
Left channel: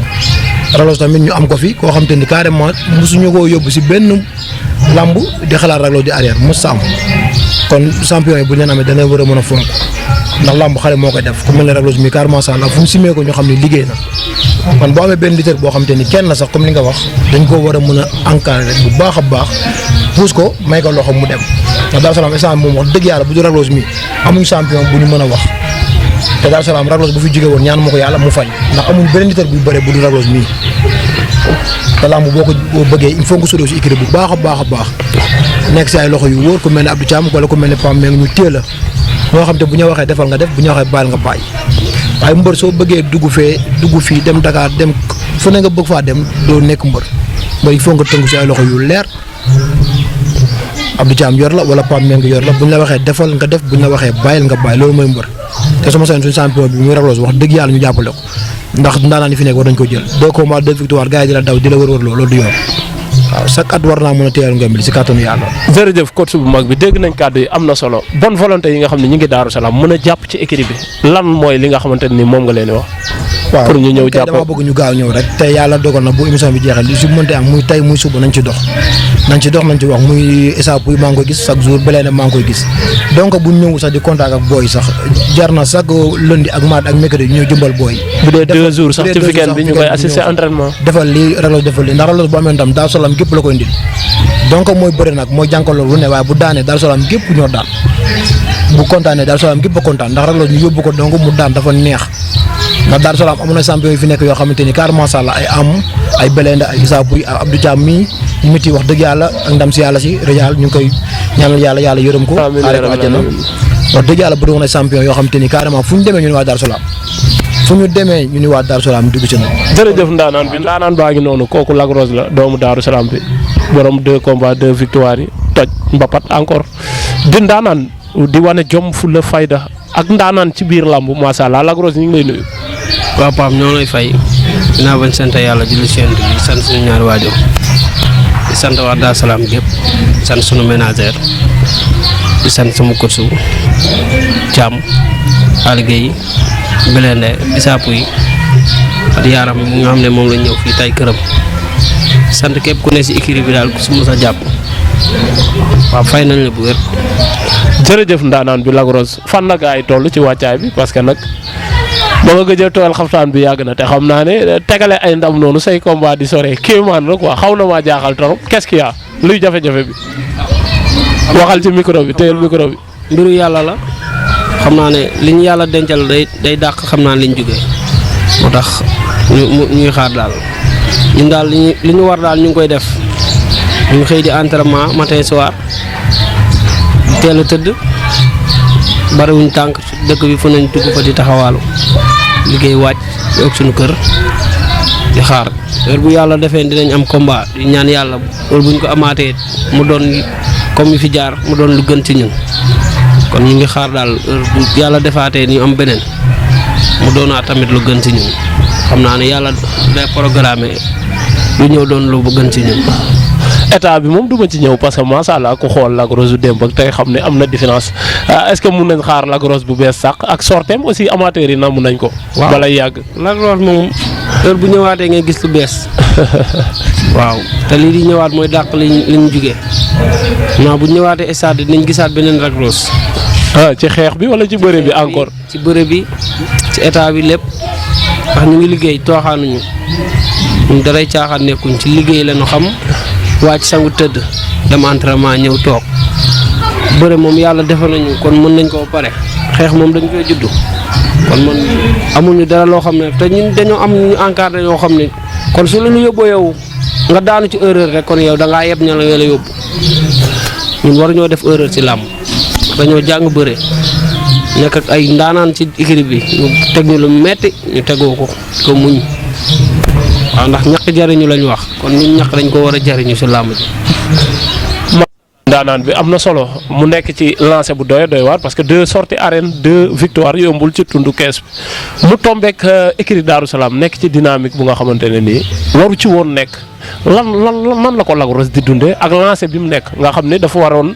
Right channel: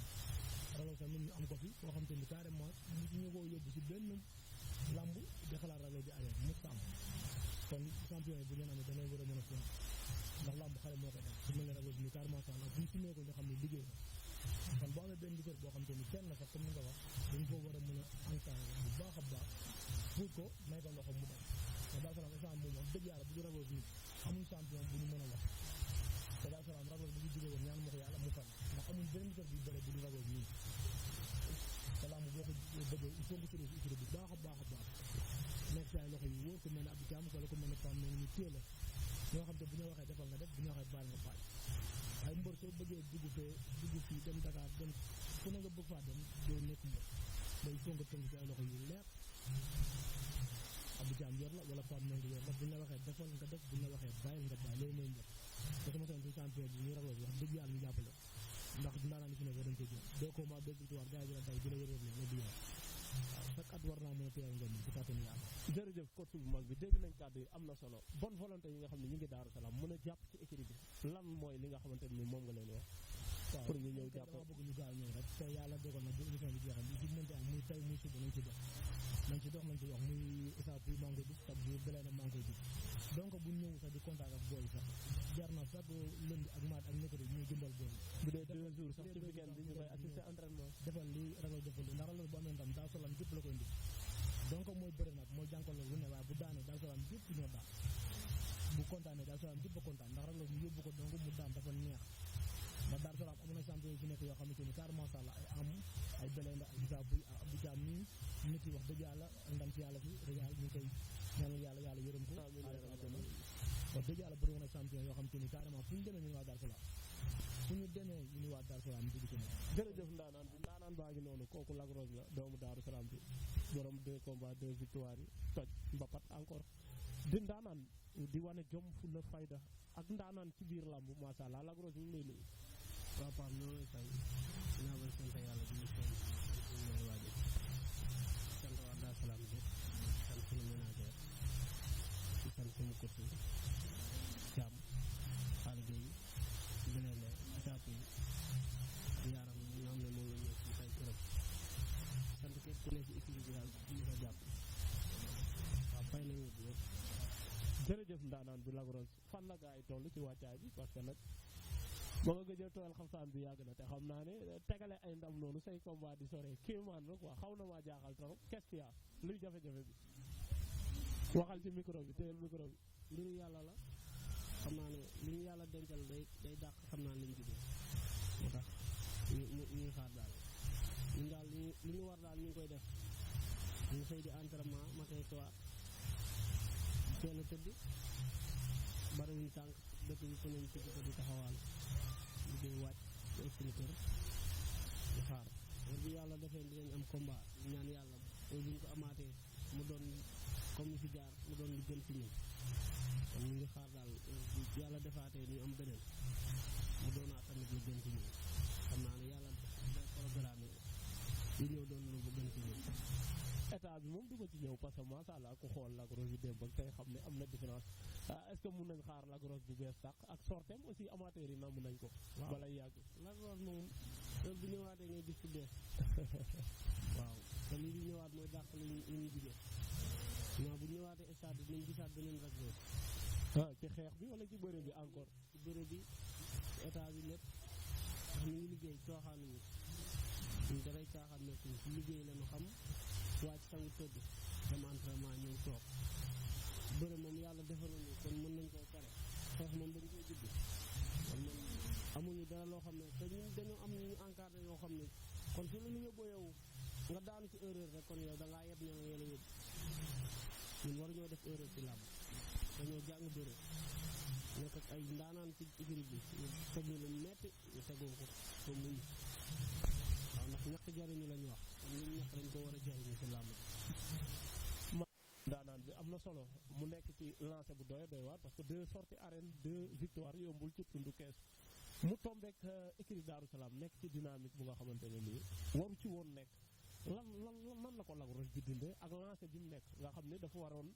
Raglos tamit ñu am ko fi koo xam te ni carrément mosuñu koo yóbbu si benn làmb di xalaat Raglos di arrière mos sa am kon champion yi bu ñu leen amee dana war a mën a fonk ndax làmb xale moo koy def ku mel ne Raglos mi carrément ça la fu mu simee ko ñu xam ne liggéey na kon boo amee benn lutteur boo xam te ni kenn la sax comme li nga wax dañ koo war a mën a encadrer bu baax a baax puus ko may ko loxo mu dem ndax Darou Salaam instant moom wax dëgg yàlla bu du Raglos mi amuñ champion bu ñu mën a wax te Darou Salaam Raglos bu fi jóge woon ñaan ma ko yàlla mu fay ndax amul beneen lutteur buy bëre bu du Raglos mii te làmb boo bëggee il faut nga sudoo si écurie bu baax a baax a baax nekk si ay loxo yu wóor ku mel ne Abdou Thiam wala ku mel ne Pam Meng ñu téel la ñoo xam te bu ñu waxee defal nga def bu ñu waxee bàyyil nga bàyyi waaye mbër soo bëggee dugg fii dem Dakar dem fu ne nga bëgg faa dem doo nekk mbër il faut nga tënku si ay loxo yu leer Abdou Thiam yor la wala Pam Meng yor la bu ñu la waxee defal nga def bu ñu la waxee bàyyil nga bàyyi loolu mooy mbër te sama sañ suñu champion bi muy Raglos wax dëgg yàlla ñu jàppale ko ndax ndaanaan yi fi nekk war nañ ko jël 2 combats 2 victoires gars yi di la daw di la wër loolu du yoon waaw chaque at war naa mën a téyal ngëm bi si kàttanu yàlla. jërëjëf coach bu mag bi dégg nañ kàddu yi am na solo bonne volonté yi nga xam ne ñu ngi Darou Salaam mën a jàpp ci équipe bi lan mooy li nga xamante ni moom nga leen di wax. waaw pour ñu ñëw jàpp dama bëgg ñu gaaw ñëw rek tey yàlla dogal na bu émission bi jeexee li si mënte am muy tey muy suba nañ ci dox nañ ci wax muy Issa Pouye maa ngi koy gis chaque jour belee maa ngi koy gis donc bu ñu ñëw sax di contact ak booy sax jar na chaque lundi ak mardi ak mercredi ñu ñëw jëmbal booy bu dee 2 jours sax ci weekend bi ñu koy assister entraînement defal lii Raglos defal lii ndax Raglos bu amee ndam Darou Salaam gépp la koy indil donc mooy bëri nag mooy jànkaloo lu ne waaye bu daanee Darou Salaam gépp ñoo daan bu kontaanee Darou Salaam gépp a kontaan ndax Raglos ñu yóbbu ko donc mu daan dafa neex ndax Darou Salaam amoon na champion yi fi nekk yoo xamante ni carrément macha allah ay am ay Belende ay Issa Pouye Abdou Thiam mii miti wax dëgg yàlla ak ndam si yàlla si Réal ñu ngi koy ñaanal yàlla yërëm ko xaare ko àjjana wax dëgg yàlla bëri woon ay champion yoo xamante ni carrément fu ñu demee ñu ni waa Darou Salaam fu ñu demee ñu ni waa Darou Salaam dugg ci na jërëjëf ndaanaan baa ngi noonu kooku Lac Rose la doomu Darou Salaam bi borom 2 combats 2 victoires yi toj mbapat encore di ndaanaan di wane jom fu la fayda ak ndaanaan ci biir làmb macha allah Lac Rose ñu ngi lay nuyu. waaw Pape ñoo lay fay dinaa bañ sant yàlla julli si di sant suñu ñaari waajur di sant waa Darou Salaam gépp di sant suñu ménagère di sant sama coach Thiam Aliou Guèye Belende Issa Pouye ak Yaram mi nga xam ne moom lañ ñëw fii tay këram sant képp ku ne si écurie bi daal ku si mos a jàpp waaw fay nañ la bu wér. jërëjëf ndaanaan bi Lac Rose fan la gaa yi toll ci wàccaay bi parce que nag ba nga gëjee tooyal xaftaan bi yàgg na te xam naa ne tegale ay ndam noonu say combat di sore kéemaan la quoi xaw na maa jaaxal trop qu'est-ce qu'il y a luy jafe-jafe bi waxal ci micro bi téyel micro bi. mbiru yàlla la xam naa ne li ñu yàlla dencal day dàq xam naa li ñu jógee moo tax ñuy xaar daal ñun daal li ñu war daal ñu ngi koy def ñu ngi xëy di entraînement matin soir teel a tëdd bariwuñ tànk dëkk bi fu nañ dugg fa di taxawaalu liggéey wàcc yokk suñu kër di xaar heure bu yàlla defee dinañ am combat di ñaan yàlla heure buñ ko amaatee mu doon comme yi fi jaar mu doon lu gën ci ñun kon ñu ngi xaar daal heure bu yàlla defaatee ñu am beneen mu doonaat tamit lu gën ci ñun xam naa ne yàlla day programmé lu ñëw doon lu gën ci ñun. état bi moom du ma ci ñëw parce que macha allah ku xool Lac Rose bu démb ak tey xam ne am na différence est-ce que mun nañ xaar Lac Rose bu bees sax ak sorteem aussi amateurs yi namm nañ ko. waaw balay yàgg. Lac Rose moom heure bu ñëwaatee ngay gis lu bees waaw te lii di ñëwaat mooy dàq li ñu jugee non bu ñëwaatee stade dinañ gisaat beneen Lac Rose. ci xeex bi wala ci bëre bi encore. ci bëre bi ci état bi lépp ndax ñu ngi liggéey tooxaanuñu ñun daray caaxaan nekkuñ ci liggéey la ñu xam wàcc sangu tëdd dem entraînement ñëw toog bëre moom yàlla defal nañu kon mën nañ koo pare xeex moom dañ koy juddu kon man amuñu dara loo xam ne te ñun dañoo am ñu encadré yoo xam ne kon su la ñu yóbboo yow nga daanu ci erreur rek kon yow da ngaa yeb ña la yóbbu ñun waruñoo def erreur ci làmb dañoo jàng bëre nekk ak ay ndaanaan ci équipe bi ñu teg ñu lu metti ñu tegoo ko muñ waaw ndax ñàkk jariñu lañ wax kon ñun ñàkk dañ ko war a jariñu ci làmb ji. ndaanaan bi am na solo mu nekk ci lancé bu doy waar parce que 2 sorties arène 2 victoires yombul ci tundu kees bi mu tombeek écurie Daaru Salaam nekk ci dynamique bu nga xamante ne nii waru ci woon nekk lan la ko Lac Rose di dundee ak lancé bi mu nekk nga xam ne dafa waroon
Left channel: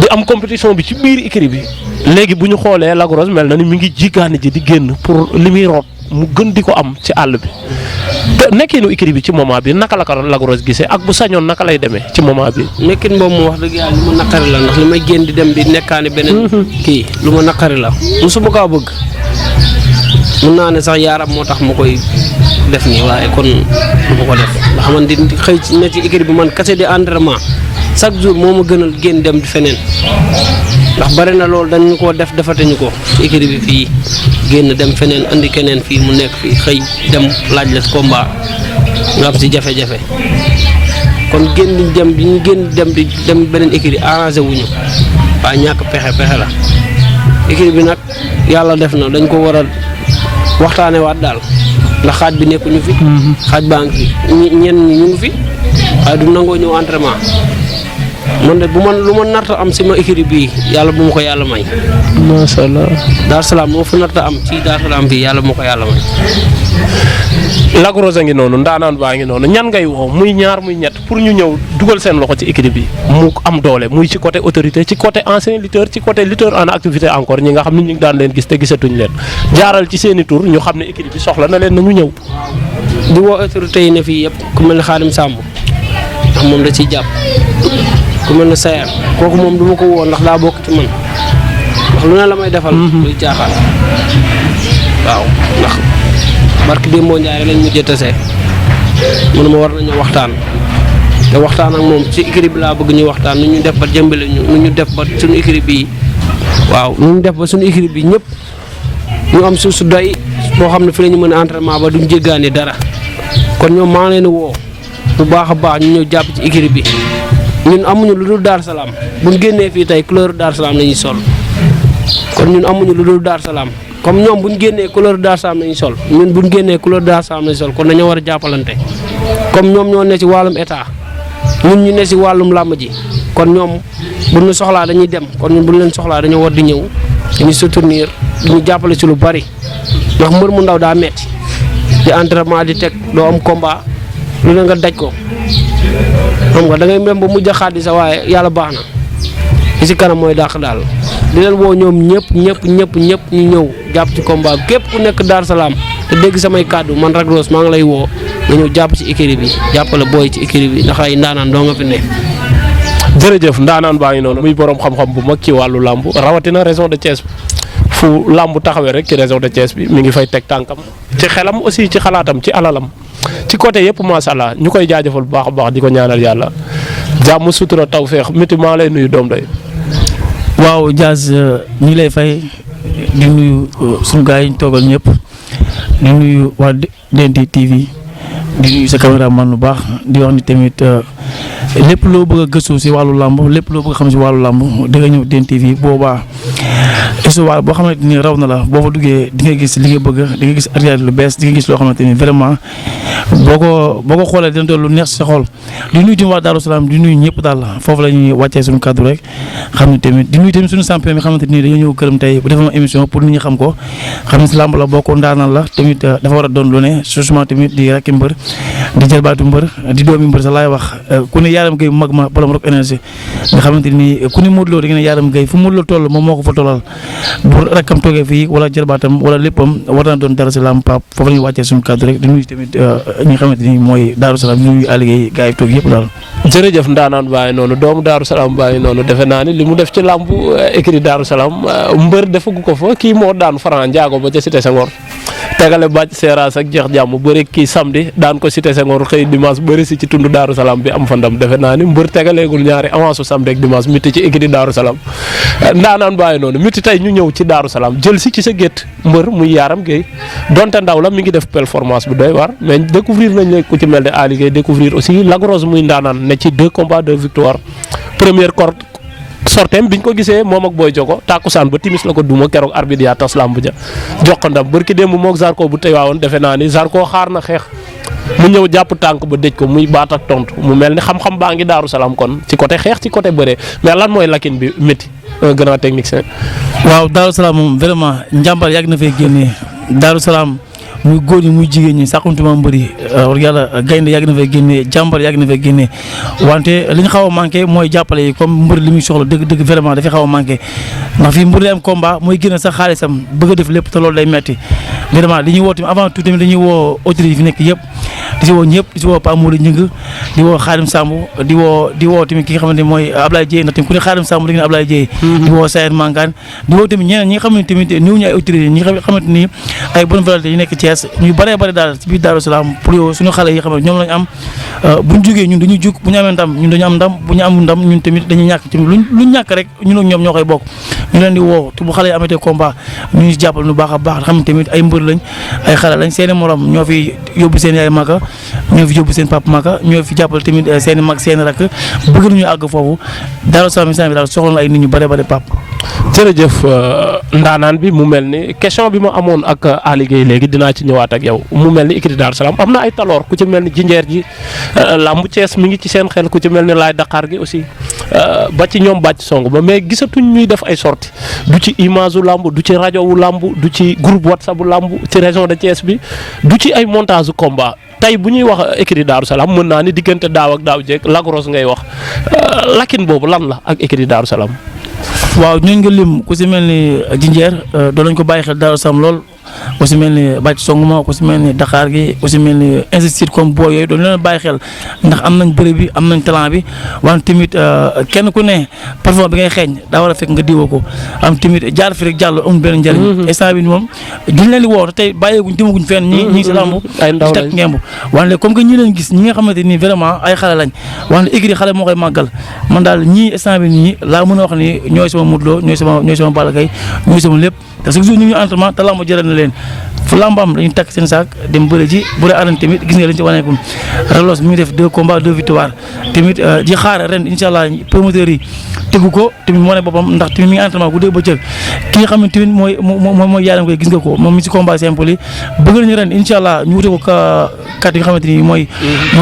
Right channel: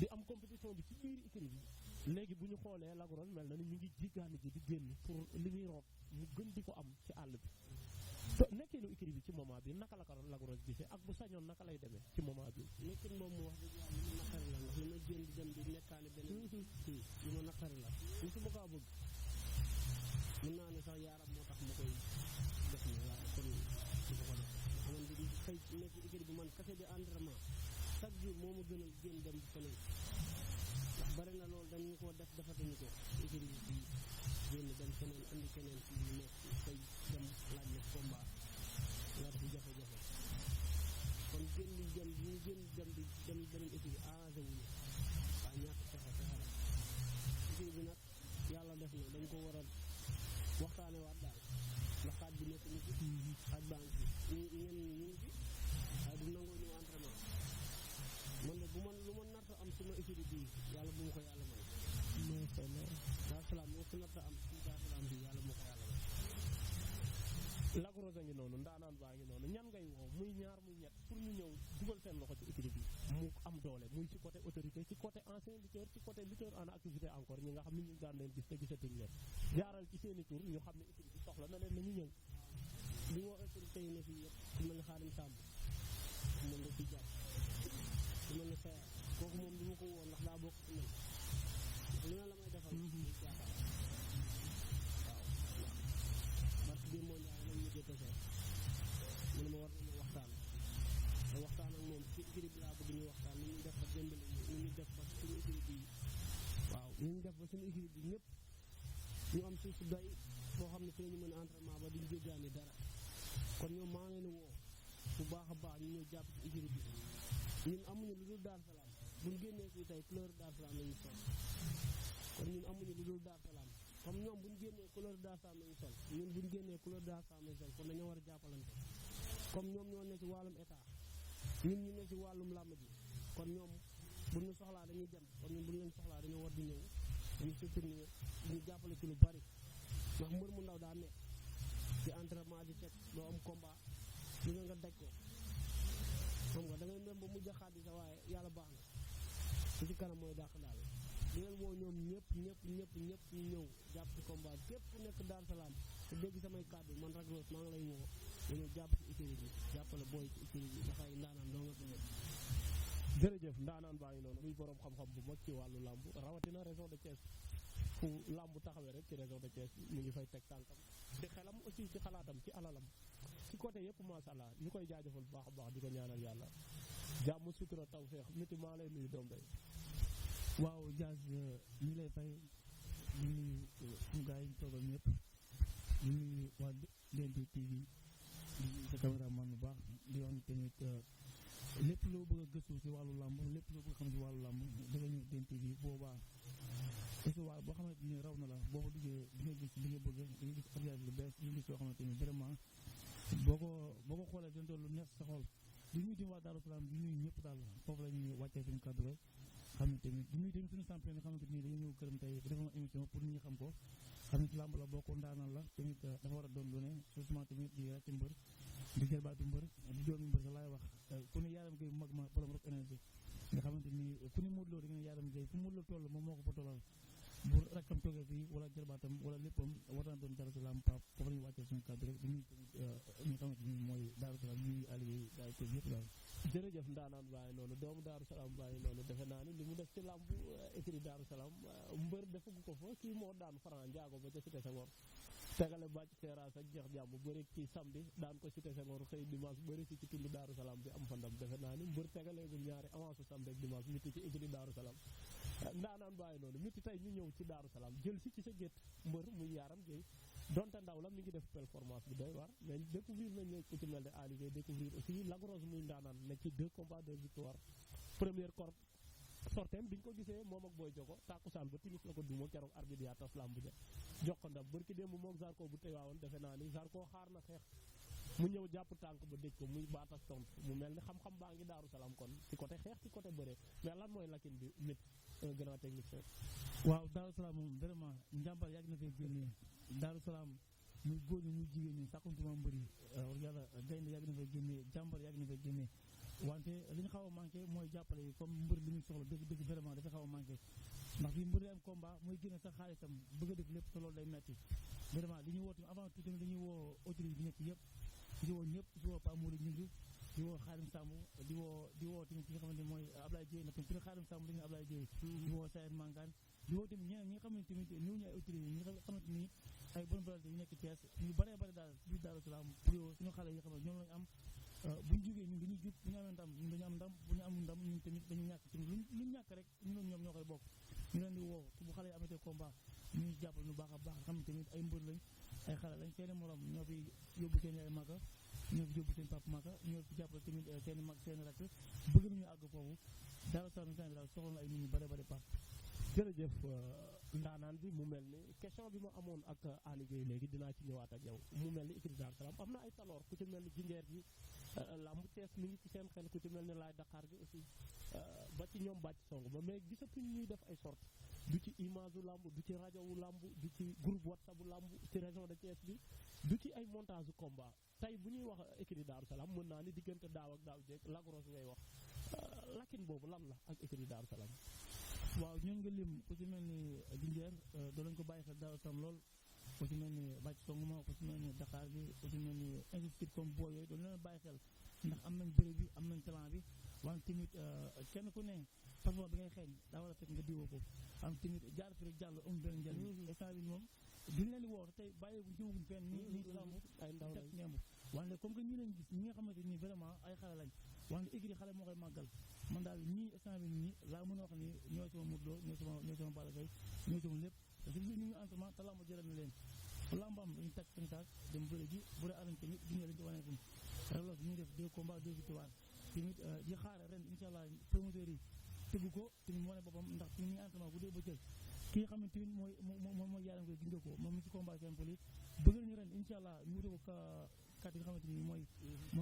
di am compétition bi ci biir écurie bi léegi bu ñu xoolee Lac Rose mel na ni mi ngi jiggaani ji di génn pour li muy root mu gën di ko am ci àll bi te nekkinu écurie bi ci moment bi naka la ko Lac Rose gisee ak bu sañoon naka lay demee ci moment bi. nekkin boobu mu wax dëgg yàlla lu ma naqari la ndax li may génn di dem di nekkaani beneen kii lu ma naqari la musuma kaa bëgg mun naa ne sax yaaram moo tax ma koy def nii waaye kon du ma ko def ndax man di xëy ci ne ci écurie bi man kase di entraînement chaque jour moo ma gënal génn dem di feneen ndax bari na loolu dañu ko defate ñu ko ci écurie bi fii génn dem feneen andi keneen fii mu nekk fii xëy dem laaj la combat nga am si jafe-jafe kon génn di dem bi ñu génn di dem beneen écurie arrangé wuñu waa ñàkk pexe la écurie bi nag yàlla def na dañ ko war a waxtaane waat daal ndax xaaj bi nekkuñu fi xaaj baa ngi fi ñenn ñi ñu ngi fi waaye du nangoo ñëw entraînement man de lu ma narta am si ma écurie bii yàlla bu ma ko yàlla may. macha allah. Daaru Salaam moo fa narta am ci Daaru Salaam bii yàlla bu ma ko yàlla may. Lac Rose a ngi noonu ndaanaan baa ngi noonu ñan ngay woo muy ñaar muy ñett pour ñu ñëw dugal seen loxo ci écurie bi mu am doole muy ci côté autorité ci côté ancien lutteur ci côté lutteur en activité encore ñi nga xam ne ñu ngi daan leen gis te gisatuñ leen jaaral ci seen i tur ñu xam ne écurie bi soxla na leen na ñu ñëw. di woo autorité yi ne fii yëpp ku mel ne Xaadim Samb ndax moom da ciy jàpp. ku mel ne Sayar kooku moom du ma ko woo ndax daa bokk ci man ndax lu ne la may defal. luy jaaxal waaw ndax barki Demba Ndiaye lañ mujjee tase mu ne ma war nañu waxtaan te waxtaan ak moom ci écurie bi laa bëgg ñu waxtaan nu ñu def ba jëmbale ñu nu ñu def ba suñu écurie bi waaw nu ñu def ba suñu écurie bi ñëpp ñu am suuf su doy boo xam ne fi la ñu mën a entraînement ba duñ jéggaani dara kon ñoom maa ngi leen di woo bu baax a baax ñu ñëw jàpp ci écurie bi. ñun amuñu lu dul Daaru Salaam bu ñu génnee fii tey couleur Daaru Salaam la ñuy sol kon ñun amuñu lu dul Daaru Salaam comme ñoom bu ñu génnee couleur Daaru Salaam la ñuy sol ñun bu ñu génnee couleur Daaru Salaam la ñuy sol kon dañoo war a jàppalante comme ñoom ñoo ne ci wàllum état ñun ñu ne ci wàllum làmb ji kon ñoom bu ñu soxlaa dañuy dem kon ñun bu ñu leen soxlaa dañoo war di ñëw dañuy soutenir ñu jàppale ci lu bari ndax mbër mu ndaw daa metti di entraînement di teg doo am combat lu ne nga daj ko. xam nga da ngay dem ba mujj a xaadi sa waaye yàlla baax na li si kanam mooy dàq daal di leen woo ñoom ñëpp ñu ñëw jàpp ci combat bi képp ku nekk Daaru Salaam te dégg samay kàddu man Lac Rose maa ngi lay woo nga ñëw jàpp ci écurie bi jàppale booy ci écurie bi ndax ay ndaanaan doo nga fi ne. jërëjëf ndaanaan baa ngi noonu muy borom xam-xam bu mag ci wàllu làmb rawatina région de Thiès fu làmb taxawee rek ci région de Thiès bi mi ngi fay teg tànkam ci xelam aussi ci xalaatam ci alalam. ci côté yëpp macha allah ñu koy jaajëfal bu baax a baax di ko ñaanal yàlla jàmm sutura tawféex métti maa lay nuyu doom day. waaw Diaz ñu ngi lay fay di nuyu suñu gars yi ñu toogal ñëpp di nuyu waa DNT TV di nuyu sa caméraman bu baax di wax ni tamit lépp loo bëgg a gëstu si wàllu làmb lépp loo bëgg a xam si wàllu làmb da nga ñëw DNT TV boobaa histoire boo xamante ni raw na la boo fa duggee di nga gis li nga bëgg di nga gis arrière lu bees di nga gis loo xamante ni vraiment boo ko xoolee dina doon lu neex si sa xol di nuyu tamit waa Daaru Salaam di nuyu ñëpp daal foofu la ñuy wàccee suñu kaddu rek xam ne tamit di nuyu tamit suñu champion bi xamante ni dañoo ñëw këram tey bu defee émission pour nit ñi xam ko xam ne si làmb la bokk ndaanaan la tamit dafa war a doon lu ne surtout tamit di rakki mbër di jëlbaatu mbër di doomi mbër sa laay wax ku ne Yaram Gueye mag ma borom Rock Énergie nga xamante ni ku ne Modou Lo da ngeen ne Yaram Gueye fu Modou Lo toll moom moo ko fa tollal bu rakkam toogee fii wala jërbaatam wala léppam war na doon dara si lamb Pape foofu la ñuy wàccee suñu kàddu rek di nuyu tamit ñi nga xamante ni mooy Daaru Salaam di nuyu Aliou gars yi toog yëpp daal. jërëjëf ndaanaan bàyyi noonu doomu Daaru Salaam bàyyi noonu defe naa ni li mu def ci làmb écrit Daaru Salaam mbër defagu ko fa kii moo daan Franc Ndiago ba ca Cité Senghor tegale bàcc seeraas ak jeex jàmm bëri kii samedi daan ko Cité Senghor xëy dimanche bëri si ci tund Daaru Salaam bi am fa ndam defe naa ni mbër tegaleegul ñaari avance samedi ak dimanche miti ci écrit Daaru Salaam ndaanaan bàyyi noonu miti tey ñu ñëw ci Daaru Salaam jël si ci sa gétt mbër muy Yaram Gueye donte ndaw la mi ngi def performance bu doy war mais découvrir nañ la ku ci mel ne Ali Gueye découvrir aussi Lac Rose muy ndaanaan ne ci 2 combats 2 victoires première corde sorteem biñ ko gisee moom ak Boy Jogo tàkkusaan ba timis la ko duma keroog arbitre yaa tas lamb ja jox ko ndam bërki démb moog Zarko bu tey waawoon defe naa ni Zarko xaar na xeex mu ñëw jàpp tànk ba dëj ko muy baat ak tontu mu mel ni xam-xam baa ngi Daaru Salaam kon ci côté xeex ci côté bëree mais lan mooy lakin bi métti un grand technicien. waaw Daaru Salaam moom vraiment njàmbar yàgg na fay génnee Daaru Salaam muy góor ñi muy jigéen ñi sàqantuma mbëri war yàlla gaynde yàgg na fay génnee jàmbar yàgg na fay génnee wante li ñu xaw a manqué mooy jàppale yi comme mbëri li muy soxla dëgg vraiment dafay xaw a manqué ndax fii mbëri am combat mooy génn sax xaalisam bëgg a def lépp te loolu day metti vraiment li ñuy woo tamit avant tout tamit dañuy woo autorités yi fi nekk yëpp di si woo ñëpp di si woo Pa Modou Ñing di woo Xaadim Samb di woo tamit ki nga xamante ne mooy Ablaye Dieye ndax tamit ku ne Xaadim Samb da ngeen Ablaye Dieye di woo Sayer Mangane di woo tamit ñeneen ñi nga xamante tamit niw ñu ay autorités ñi nga xamante ni ay bonne volonté yi nekk Thiès ñu bëree bëri daal ci biir Daaru Salaam pour yow suñu xale yi xam ne ñoom lañu am bu ñu jógee ñun dañuy jug bu ñu amee ndam ñun dañu am ndam bu ñu amul ndam ñun tamit dañuy ñàkk tamit luñ ñàkk rek ñun ak ñoom ñoo koy bokk ñu leen di woo te bu xale yi amatee combat ñu ngi jàppal lu baax a baax xam ne tamit ay mbër lañ ay xale lañ seeni morom ñoo fi yóbbu seen yaay Maka ñoo fi yóbbu seen papa Maka ñoo fi jàppal tamit seeni mag seeni rakk bëgg nañu àgg foofu Daaru Salaam bi daal soxla na ay nit ñu bëree bëri pap jërëjëf ndaanaan bi mu mel ni question bi ma amoon ak Ali Gueye léegi dinaa ci ñëwaat ak yow mu mel ni écurie Daaru Salaam am na ay taloor ku ci mel ni jinjeer ji lambu Thiès mi ngi ci seen xel ku ci mel ni Laay Dakar gi aussi ba ci ñoom bàcc song ba mais gisatuñ ñuy def ay sorties du ci image wu lamb du ci rajo wu lamb du ci groupe WhatsApp bu lamb ci région de Thiès bi du ci ay montage u combat tey bu ñuy wax écurie Daaru Salaam mën naa ni diggante daaw ak daaw jeeg Lac Rose ngay wax lakin boobu lan la ak écurie Daaru Salaam. waaw ñooñu nga lim ku si mel ni jinjeer doon nañ ko bàyyi xel Daaru Salaam lool ku si mel ni bàcc songuma ku si mel ni Dakar gi ku si mel ni insistir comme boo yooyu doon leen bàyyi xel ndax am nañ bëri bi am nañ talent bi wante tamit kenn ku ne parfum bi ngay xeeñ daa war a fekk nga diwoo ko am tamit jaar fi rek jàll amul benn njëriñ instant bi moom duñ leen di woo te tey bàyyeeguñ demaguñ fenn ñi ngi si lamb ay ndaw di teg ngemb wante comme que ñi leen gis ñi nga xamante nii vraiment ay xale lañ wante écurie xale moo koy màggal man daal ñii instant bi nii laa mën a wax ni ñooy sama Modou Lo ñooy sama Balla Gaye ñooy sama lépp te chaque jour ñu ngi entraînement te lamb jëral na leen fu lambam dañuy takk seen saak dem bëre ji bu dee arène tamit gis nga lañ ci waneekum Relos mi ngi def 2 combats 2 victoires tamit di xaar ren incha allah promoteurs yi tegu ko tamit moo ne boppam ndax tamit mi ngi entraînement guddeeg bëccëg ki nga xam ne tamit mooy Yaram Gueye gis nga ko moom mi ci combat simple yi bëgg nañu ren incha allah ñu wute ko kat yi nga xamante ni mooy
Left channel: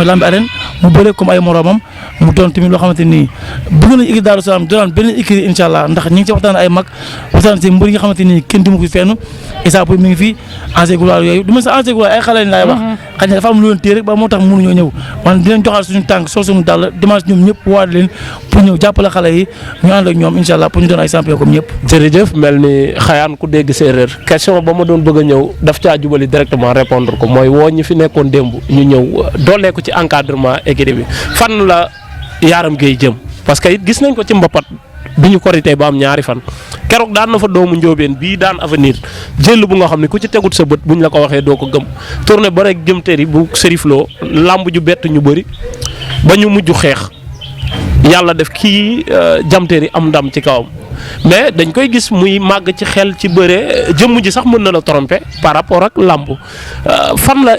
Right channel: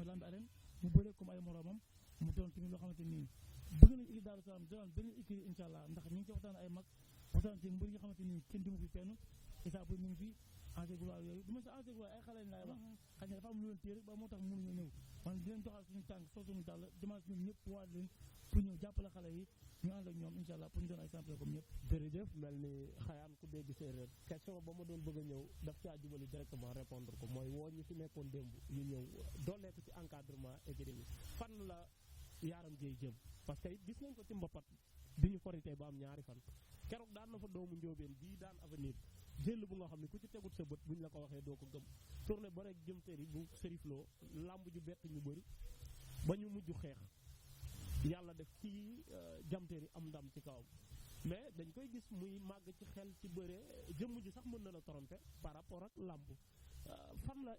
lambi arène mu bëre comme ay moromam mu doon tamit loo xamante ni bëgg nañu écurie Daaru Salaam doon beneen écurie incha allah ndax ñi ngi ci waxtaan ay mag waxtaan si mbër yi nga xamante ni kenn dimu ko fenn Issa Pouye mi ngi fi ancien gloire yooyu du ma sa ancien gloire ay xale lañ laay wax xëy na dafa am lu leen téye rek ba moo tax mënuñoo ñëw wante di leen joxaat suñu tànk sol suñu dàll dimanche ñoom ñëpp waat leen pour ñëw jàppale xale yi ñu ànd ak ñoom incha allah pour ñu doon ay champion comme ñëpp. jërëjëf mel ni xayaan ku dégg séeréer question ba ma doon bëgg a ñëw daf caa jubali directement répondre ko mooy woo ñi fi nekkoon démb ñu ñëw doolee ko ci encadrement écurie bi fan la Yaram Gueye jëm parce que it gis nañ ko ci mbapat bi ñu korité ba am ñaari fan keroog daan na fa doomu njóobeen bii daan avenir jël bu nga xam ne ku ci tegut sa bët buñ la ko waxee doo ko gëm tourné ba rek jëm tëri bu sërifloo lamb ju bett ñu bëri ba ñu mujj xeex yàlla def kii jamteeri am ndam ci kawam mais dañ koy gis muy màgg ci xel ci bëre jëmm ji sax mën na la tromper par rapport ak làmb fan la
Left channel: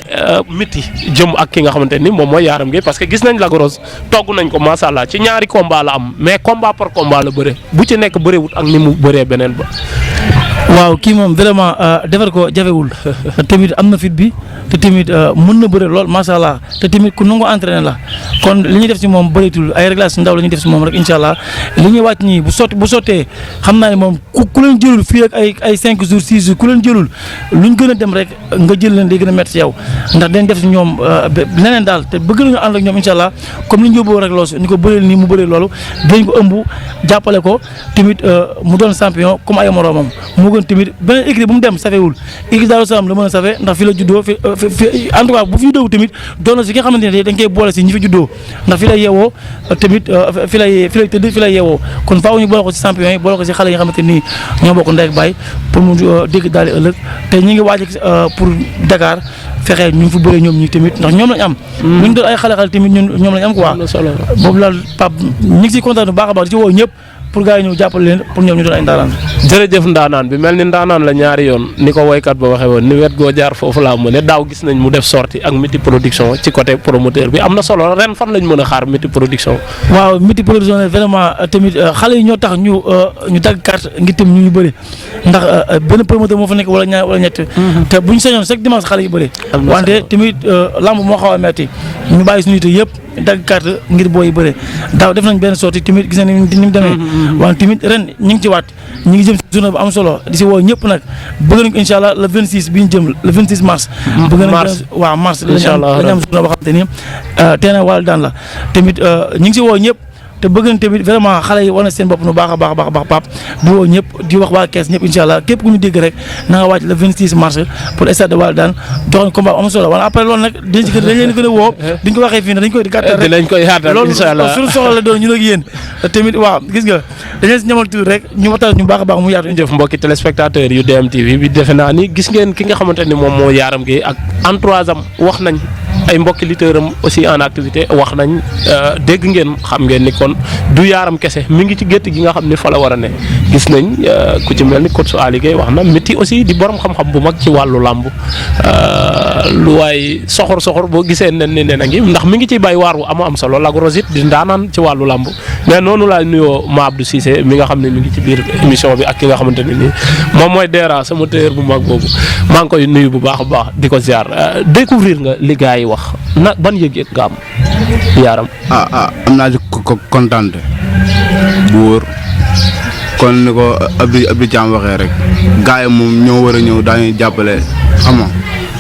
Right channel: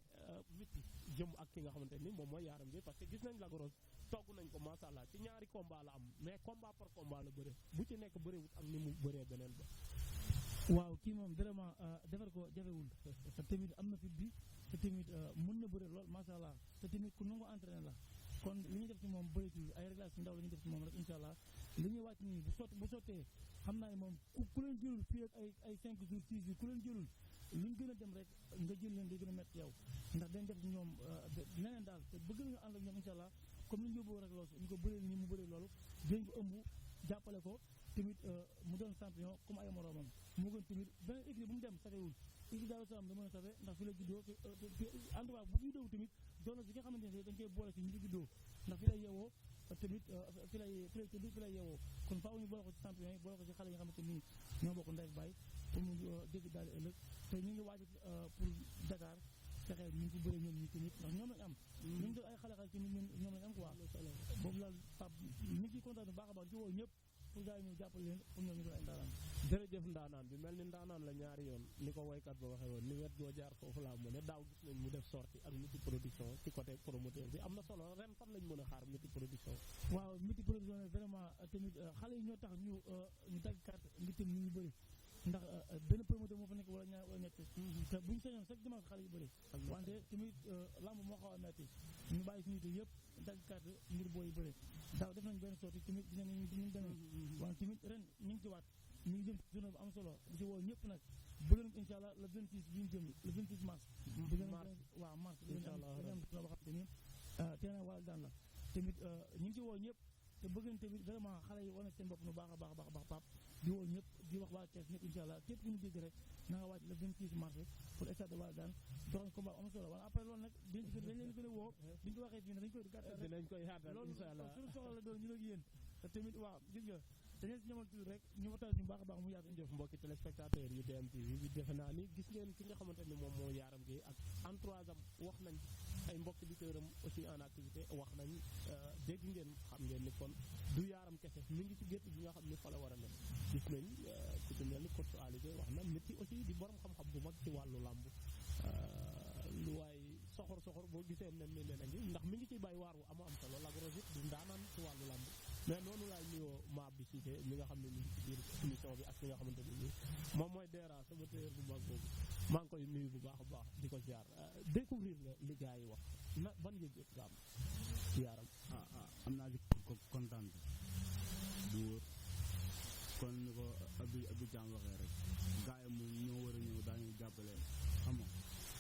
métti jëm ak ki nga xamante ni moom mooy Yaram Gueye parce que gis nañ Lac Rose togg nañ ko macha allah ci ñaari combat la am mais combat par combat la bëre bu ci nekk bërewut ak ni mu bëree beneen ba. waaw kii moom vraiment defar ko jafewul tamit am na fit bi te tamit mën na bëre lool macha allah te tamit ku nangoo entraîné la kon li ñuy def si moom bëreetul ay réglage ndaw la ñuy def si moom rek incha allah li ñuy wàcc nii bu sottee xam naa ne moom ku leen jëlul fii ak ay 5 jours 6 jours ku leen jëlul luñ gën a dem rek nga jël leen day gën a métti si yow ndax dañ def si ñoom leneen daal te bëgg nañu ànd ak ñoom incha allah comme ni ñu yóbboo rek loosu ñu ko bëreel nii mu bëree loolu dañ ko ëmb jàppale ko tamit mu doon champion comme ay moroomam moo gën tamit beneen équipe bu mu dem safewul équipe Daaru Salaam la mën a safe ndax fi la juddoo fi en tout cas bu fi juddoo tamit doon na si nga xamante ne dañ koy boole si ñi fi juddoo ndax fi lay yeewoo tamit fi lay tëdd fi lay yeewoo kon faaw ñu boole ko si champion yi boole ko si xale yi nga xamante nii ñoo bokk ndey ak baay pour mu dégg daal di ëllëg te ñi ngi waaj pour Dakar fexe ñu ngi fi bëree ñoom ñi tamit ndax ñoom lañ am bu ñu doon ay xale tamit ñoom lañ am quoi boobu laal Pape ñu ngi si kontaan bu baax a baax di ci woo ñëpp pour gars yi ñëw jàppale leen pour ñoom ñu doon ay ndaanaan. jërëjëf ndaanaan bi mel ni ndaanaan la ñaari yoon ni ko woykat ba waxee woon ni wet goo jaar foofu laa mu ne daaw gis nañ mu def sortie ak Miti production ci côté promoteur bi am na solo ren fan lañ mën a xaar Miti production. waaw Miti production vraiment tamit xale yi ñoo tax ñu dagg carte ngir tam ñu bëri ndax benn promoteur moo fa nekk wala ñaar wala ñett. te bu ñu sañoon chaque dimanche xale yu bëri. wante tamit lamb moo xaw a metti ñu bàyyi suñu yite yëpp dagg carte ngir booy yu bëri daaw def nañ benn sortie tamit gis nañ ni mu demee. wante tamit ren ñu ngi ci waat ñu ngi jëm si journée bu am solo di si woo ñëpp nag bëgg nañ ko incha allah le 26 bi ñu jëm le 26 mars. bëgg nañ ko waaw mars. incha allah la ñu am journée boo xam te ni teena wàllu daan la tamit ñu ngi si woo ñëpp. te bëgg nañ tamit vraiment xale yi wane seen bopp nu baax a baax a baax Pape di woo ñëpp di wax waa Kees ñëpp incha allah képp ku ñu dégg rek na nga wàcc le 26 mars pour stade de Walidane joxoon combat am solo wala après loolu nag dañ leen gën a woo duñ ko waxee fii ne dañ koy gàttal rek dinañ koy yaatal incha allah loolu suñu soxla la doon ñu ak yéen tamit waaw gis nga dañ leen si ñamal tuuti rek ñu waxtaan ñu baax a baax mu yaatu. jëf mbokki téléspectateurs yu DMTV bi defe naa ni gis ngeen ki nga xamante ni moom moo Yaram Gueye ak entourage am wax nañ ay mbokki lutteurs am aussi en activité wax nañ dégg ngeen xam ngeen ni kon du Yaram kese mi ngi ci gétt gi nga xam ni fa la war a ne gis nañ ku ci mel ni coach Ali Gueye wax na Miti aussi di borom xam-xam bu mag ci wàllu làmb lu waay soxor boo gisee nen ni nen a ngi ndax mi ngi ciy bay waar wu am solo Lac Rose it di ndaanaan ci wàllu làmb mais noonu laa nuyoo Ma Abdou Cissé mi nga xam ne mi ngi ci biir émission bi ak ki nga xamante ne nii moom mooy Dera sama téer bu mag boobu maa ngi koy nuyu bu baax a baax di ko ziar découvrir nga li gars yi wax na ban yëg-yëg nga am Yaram. am naa ci kontaan bu wóor kon ni ko Abdou Thiam waxee rek gars yi moom ñoo war a ñëw daañuy jàppale xam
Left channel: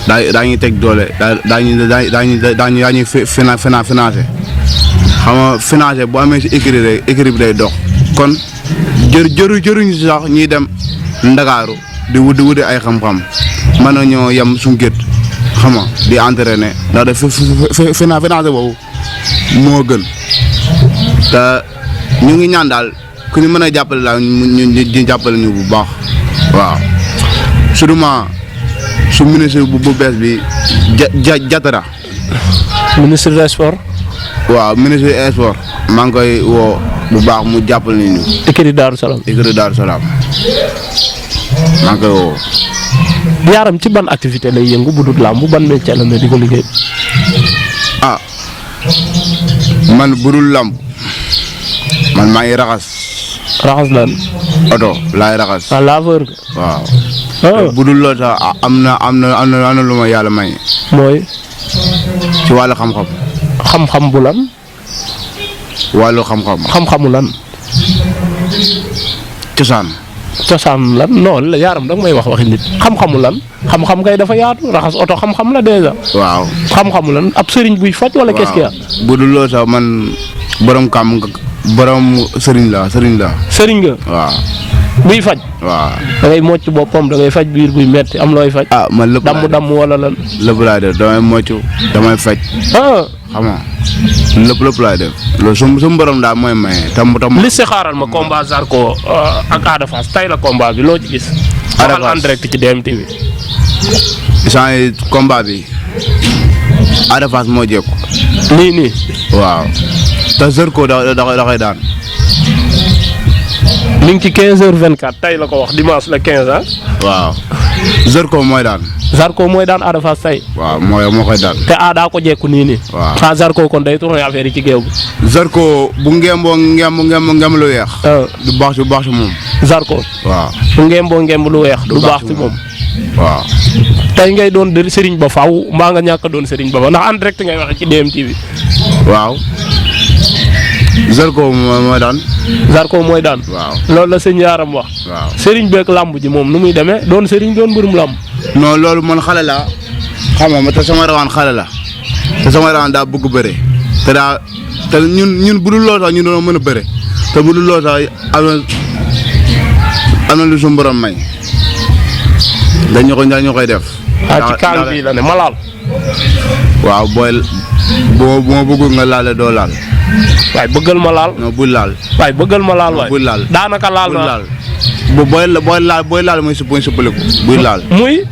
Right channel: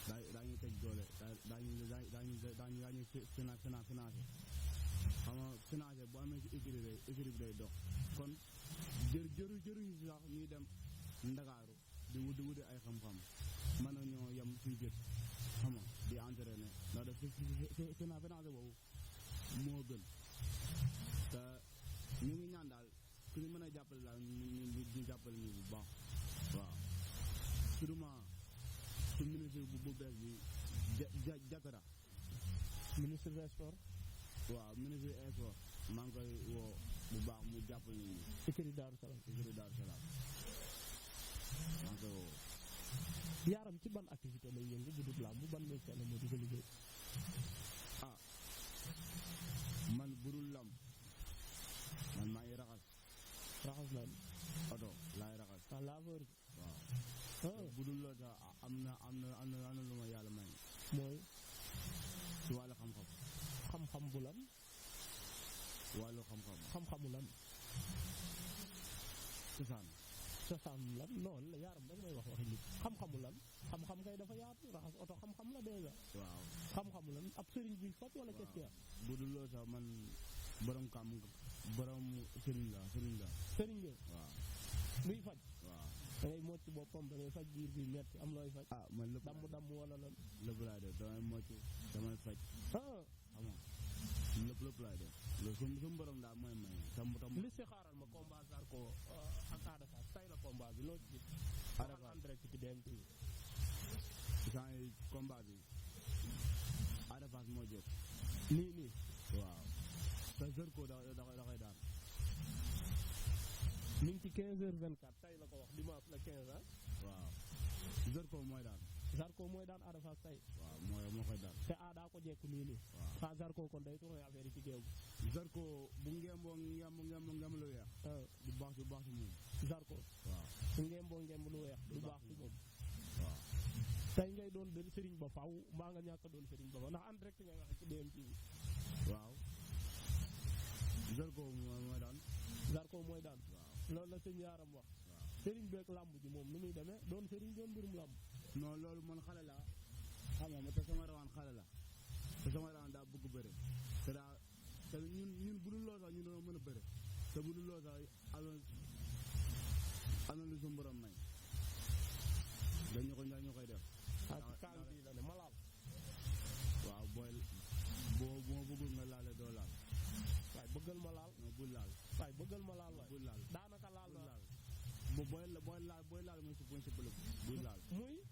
nga daañuy teg doole daañuy financé xam nga financé bu amee si écurie rek écurie bi day dox kon jëruñu si sax ñuy dem Ndakaaru di wuti ay xam-xam mën na ñoo yem suñu gét xam nga di entraîné ndax de financé boobu moo gën te ñu ngi ñaan daal ku ñu mën a jàppale daal ñu jàppale ñu bu baax waaw surtout su ministre bu bees bi Jatara. ministre des sports. waaw ministre des sports maa ngi koy woo bu baax mu jàppale ñu. écurie Daaru Salaam. écurie Daaru Salaam maa ngi koy woo. Yaram ci ban activité lay yëngu bu dul làmb ban métier la di ko liggéey. man budul làmb man maa ngi raxas. raxas lan. oto laay raxas. laveur ga. waaw. budul loolu sax am na lu ma yàlla may. mooy. ci wàllu xam-xam. xam-xam bu lan. wàllu xam-xam. xam-xamu lan. cosaan lan non Yaram da nga may wax waxi nit xam-xamu lan xam-xam kay dafa yaatu raxas oto xam-xam la déjà. waaw xam-xamu lan ab sëriñ buy faj wala qu'est-ce qu'il y a. bu dul loolu sax man borom sëriñ la. sëriñ nga. waaw. buy faj. waaw. da ngay mocc boppam da ngay faj biir buy metti am looy faj. man lépp damm wala lan. lépp laay def damay mocc damay faj. xam nga lépp laay def loolu su borom daal mooy maye tam. li si xaaral ma combat Zarko ak Ada Fass tay la combat bi loo ci gis. Ada Fass en direct ci DMTV. isaan combat bi Ada Fass moo jékku. nii. waaw te Zarko da koy daan. mi ngi ci 15h24 tay la ko wax dimanche la 15 ah. waaw Zarko mooy daan. Zarko mooy daan Ada Fass tey. waaw moo koy daan. te daa ko jekku nii nii. waaw xanaa Zarko kon day tourné affaire yi ci géew bi. Zarko bu ngemboo lu weex. du baax ci moom. Zarko. waaw bu ngemb lu weex. du baax ci moom. waaw. tey ngay doon Serigne Ba faaw mbaa nga ñàkk a doon Serigne Ba ndax en direct ngay waxe ci DMTV. waaw. Zarko mooy daan. Zarko mooy daan. waaw loolu la sëñ Yaaram wax. waaw Serigne beeg làmb ji moom nu muy demee doon Serigne doon mbërum làmb. non loolu man xale la xam nga te sama rawaan xale la te sama rawaan daa bëgg bëre te ñun bu dul loolu sax ñun doon mën a bëre te bu dul loolu sax am na lu suñu borom may dañu koy def. ci kaal bii la ne ma laal. waaw boo ma bëggul nga laale doo laal. waaye bëggal ma laal. non bul laal. waaye bëggal ma laal waay. bul laal daanaka laal bul na. laal. booy laal muy suppaliku. buy laal.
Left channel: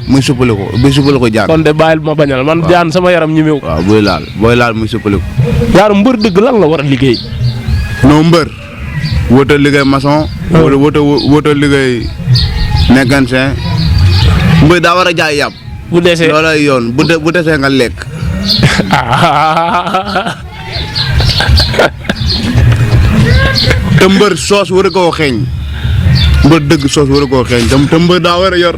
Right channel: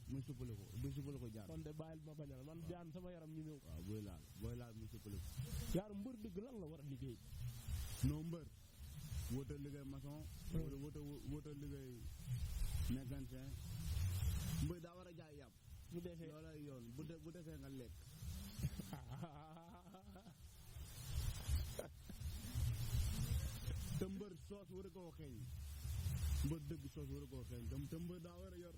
muy suppaliku jaar. kon de bàyyil ma bañal man jaan sama yaram ñi meew. waaw booy laal muy suppaliku. yaar mbër dëgg lan la war a liggéey. non mbër. wóotal liggéey maçon. wóotal liggéey mécanicien. mbër daa war a jaay yàpp. bu desee loolay yoon bu desee nga lekk. te mbër soos war a koo xeeñ. mbër dëgg soos war a koo xeeñ te mbër daa war a yor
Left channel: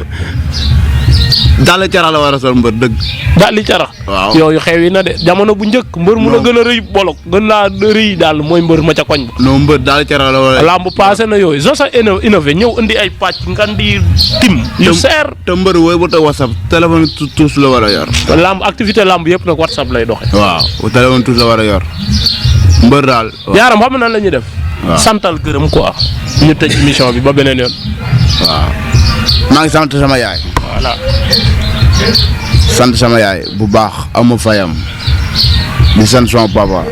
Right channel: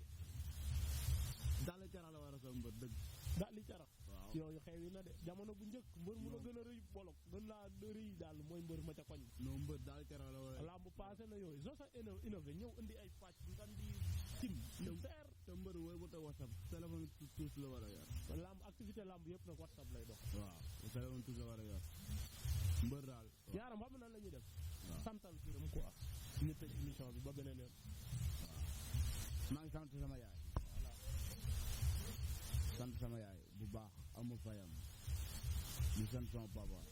daal cara la war a sol mbër dëgg. daal di cara. waaw yooyu xew yi na de jamono bu njëkk mbër mu la gën a rëy bolok gën laa rëy daal mooy mbër ma ca koñ ba. non mbër daal cara la war a. lamb passé na yooyu soo sa innové ñëw indi ay pàcc ngan di tim. yu seer te mbër wooy bu ta WhatsApp téléphone tous la war a yor. lamb activité lamb yëpp nag WhatsApp lay doxe. waaw téléphone tous la war a yor mbër daal. yaaram xam nan la ñuy def. waaw santal gërëm quoi. ñu tëj émission bi ba beneen yoon. waaw maa ngi sant sama yaay. voilà. sant sama yaay bu baax amu fayam di sant sama papa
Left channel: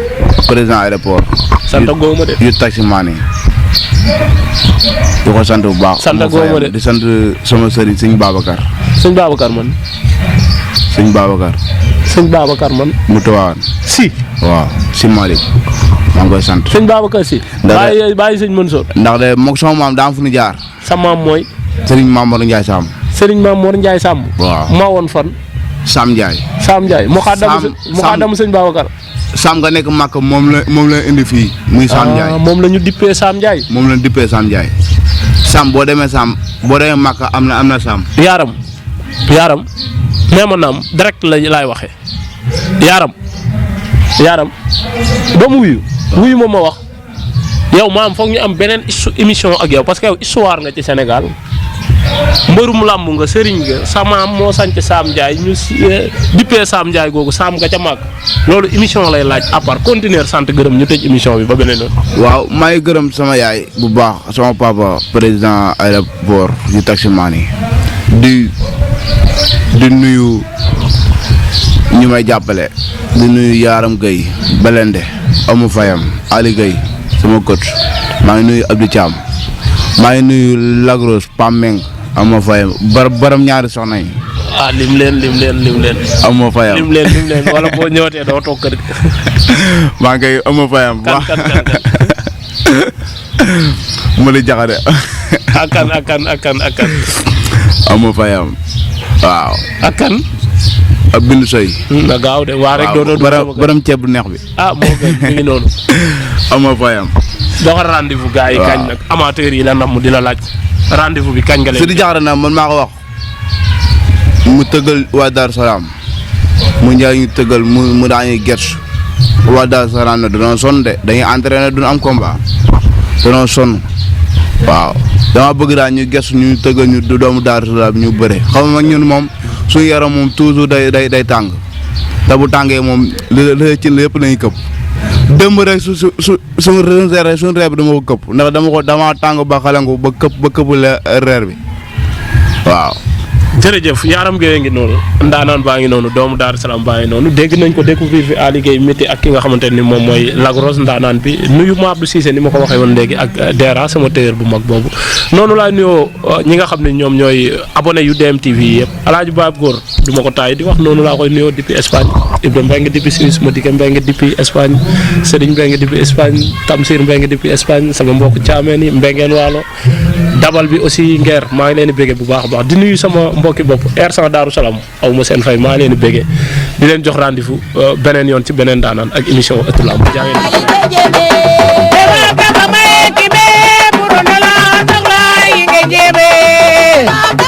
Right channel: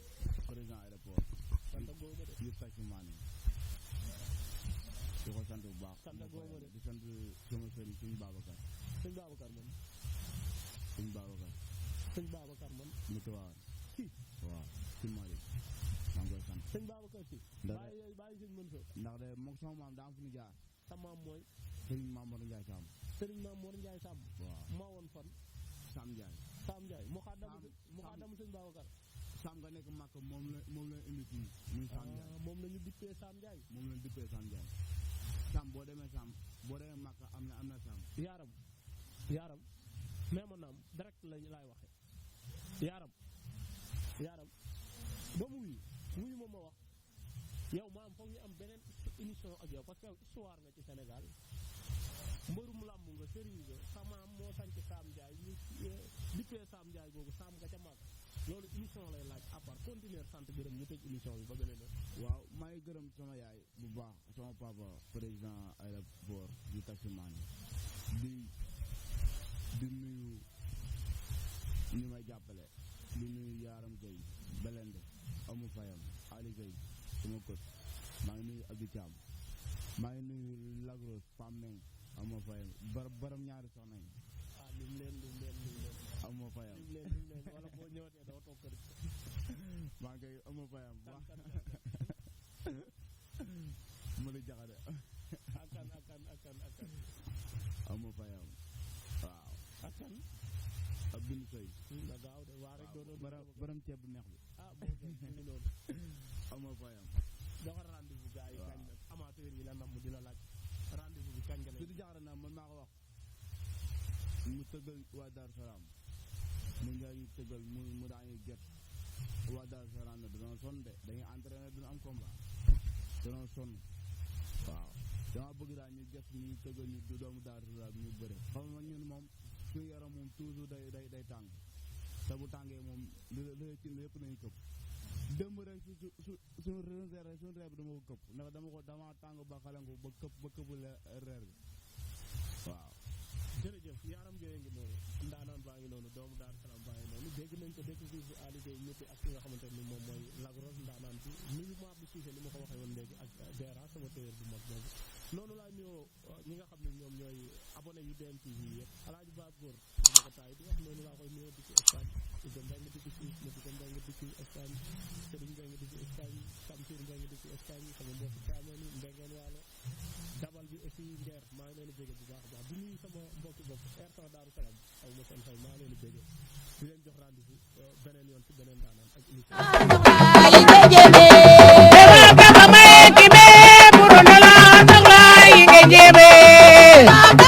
président aéroport. sant góoma de. yu taximaan yi di ko sant bu baax. sant góoma de di sant sama sëriñ sëñ Babacar. sëñ Babacar man. sëñ Babacar. sëñ Babacar man. mu tawaan. si. waaw si Malick maa ngi koy sant. sëñ Babacar si. bàyyi sëñ Mansour. ndax de moog sama maam daa am fu ñu jaar. sa maam mooy. Serigne Mamadou Ndiaye Samb. Serigne Mamour Ndiaye Samb. waaw maa woon fan. Sam Ndiaye. Sam Ndiaye mu xaadamu sëñ Babacar. Sam nga nekk màkk moom la indi fii. muy Sam Ndiaye moom la ñu dippee Sam Ndiaye. moom la ñu dippee Sam Ndiaye. Sam boo demee màkk am na Sam. yaaram nee ma naam direct laay waxee. yaaram ba mu wuyu ma wax yow maam foog ñu am beneen émission ak yow parce que yow histoire nga ci Sénégal mbërum làmb nga sëriñ nga sa maam moo sanc Sam Ndiaye ñu dippee Sam Ndiaye googu Sam nga ca màgg loolu émission lay laaj à part continuer sant gërëm ñu tëj émission bi ba beneen yoon. waaw maa ngi gërëm sama yaay bu baax sama papa président aéroport yu taximaan yi di nuyu ñu may jàppale di nuyu Yaaram Gueye Belende amu fayam Ali Gueye sama coach maa ngi nuyu Abdou Thiam maa ngi nuyu Lagros Pameng amu fayam baram ñaari soxna yi. lim leen. amu fayam lim leen wala boo ñëwatee doo toog kër gi. maa ngi koy amu fayam. kan. mu di jaxade. akan. amu fayam waaw. akan. ab bindu soy. na gaaw de waa rek doon baram ceeb bu neex bi. moo gën mi ngi noonu. amu fayam. doxal rendez-vous gars yi kañ nag amateurs yi la namm di la laaj rendez-vous bi kañ nga leen. su di jaxade nag man maa ko wax mu tëggal waa Darou Salaam mu njaay ñu tëggal mu daañuy gerte waa Darou Salaam nag dañoo sonn de dañuy entraîné duñu am combat dañoo sonn waaw dama bëgg daal ñu gerte ñu tëggal ñu doomu Darou Salaam ñu bëre xam nga ñun moom suñu yaram moom toujours day tàng te bu tàngee moom li ci lépp lañuy këpp démb rek suñu reer bi dama ko këpp ndax dama tàng ba xalangu ba këpp reer bi waaw. jërëjëf Yaaram Gueye ngi noonu ndaanaan baa ngi noonu doomu Darou Salaam baa ngi noonu dégg nañ ko découvrir fi Ali Gueye métti ak ki nga xamante ni moom mooy Lagros ndaanaan bi nuyu ma Abdou Cissé ni ma ko waxee woon léegi ak Dera sama téyër bu mag boobu noonu laay nuyoo ñi nga xam ne ñoom ñooy abonné yu DMTV yi yëpp Alaaji Baab Góor du ma ko taay di wax noonu laa koy nuyoo depuis Espagne Ibrahima Mbengue depuis Suisse Madické Mbengue depuis Espagne Serigne Mbengue depuis Espagne Tamsir Mbengue depuis Espagne sama mbokk caameen yi Mbengeen Waalo dabal bi aussi Nguer maa ngi leen di béggee bu baax a baax di nuyu sama mbokki bopp R100 Darou Salam aw ma seen fay maa ngi leen di béggee di leen jox rendez-vous beneen yoon ci beneen daanaan ak émission Ëttu Lamb Jebe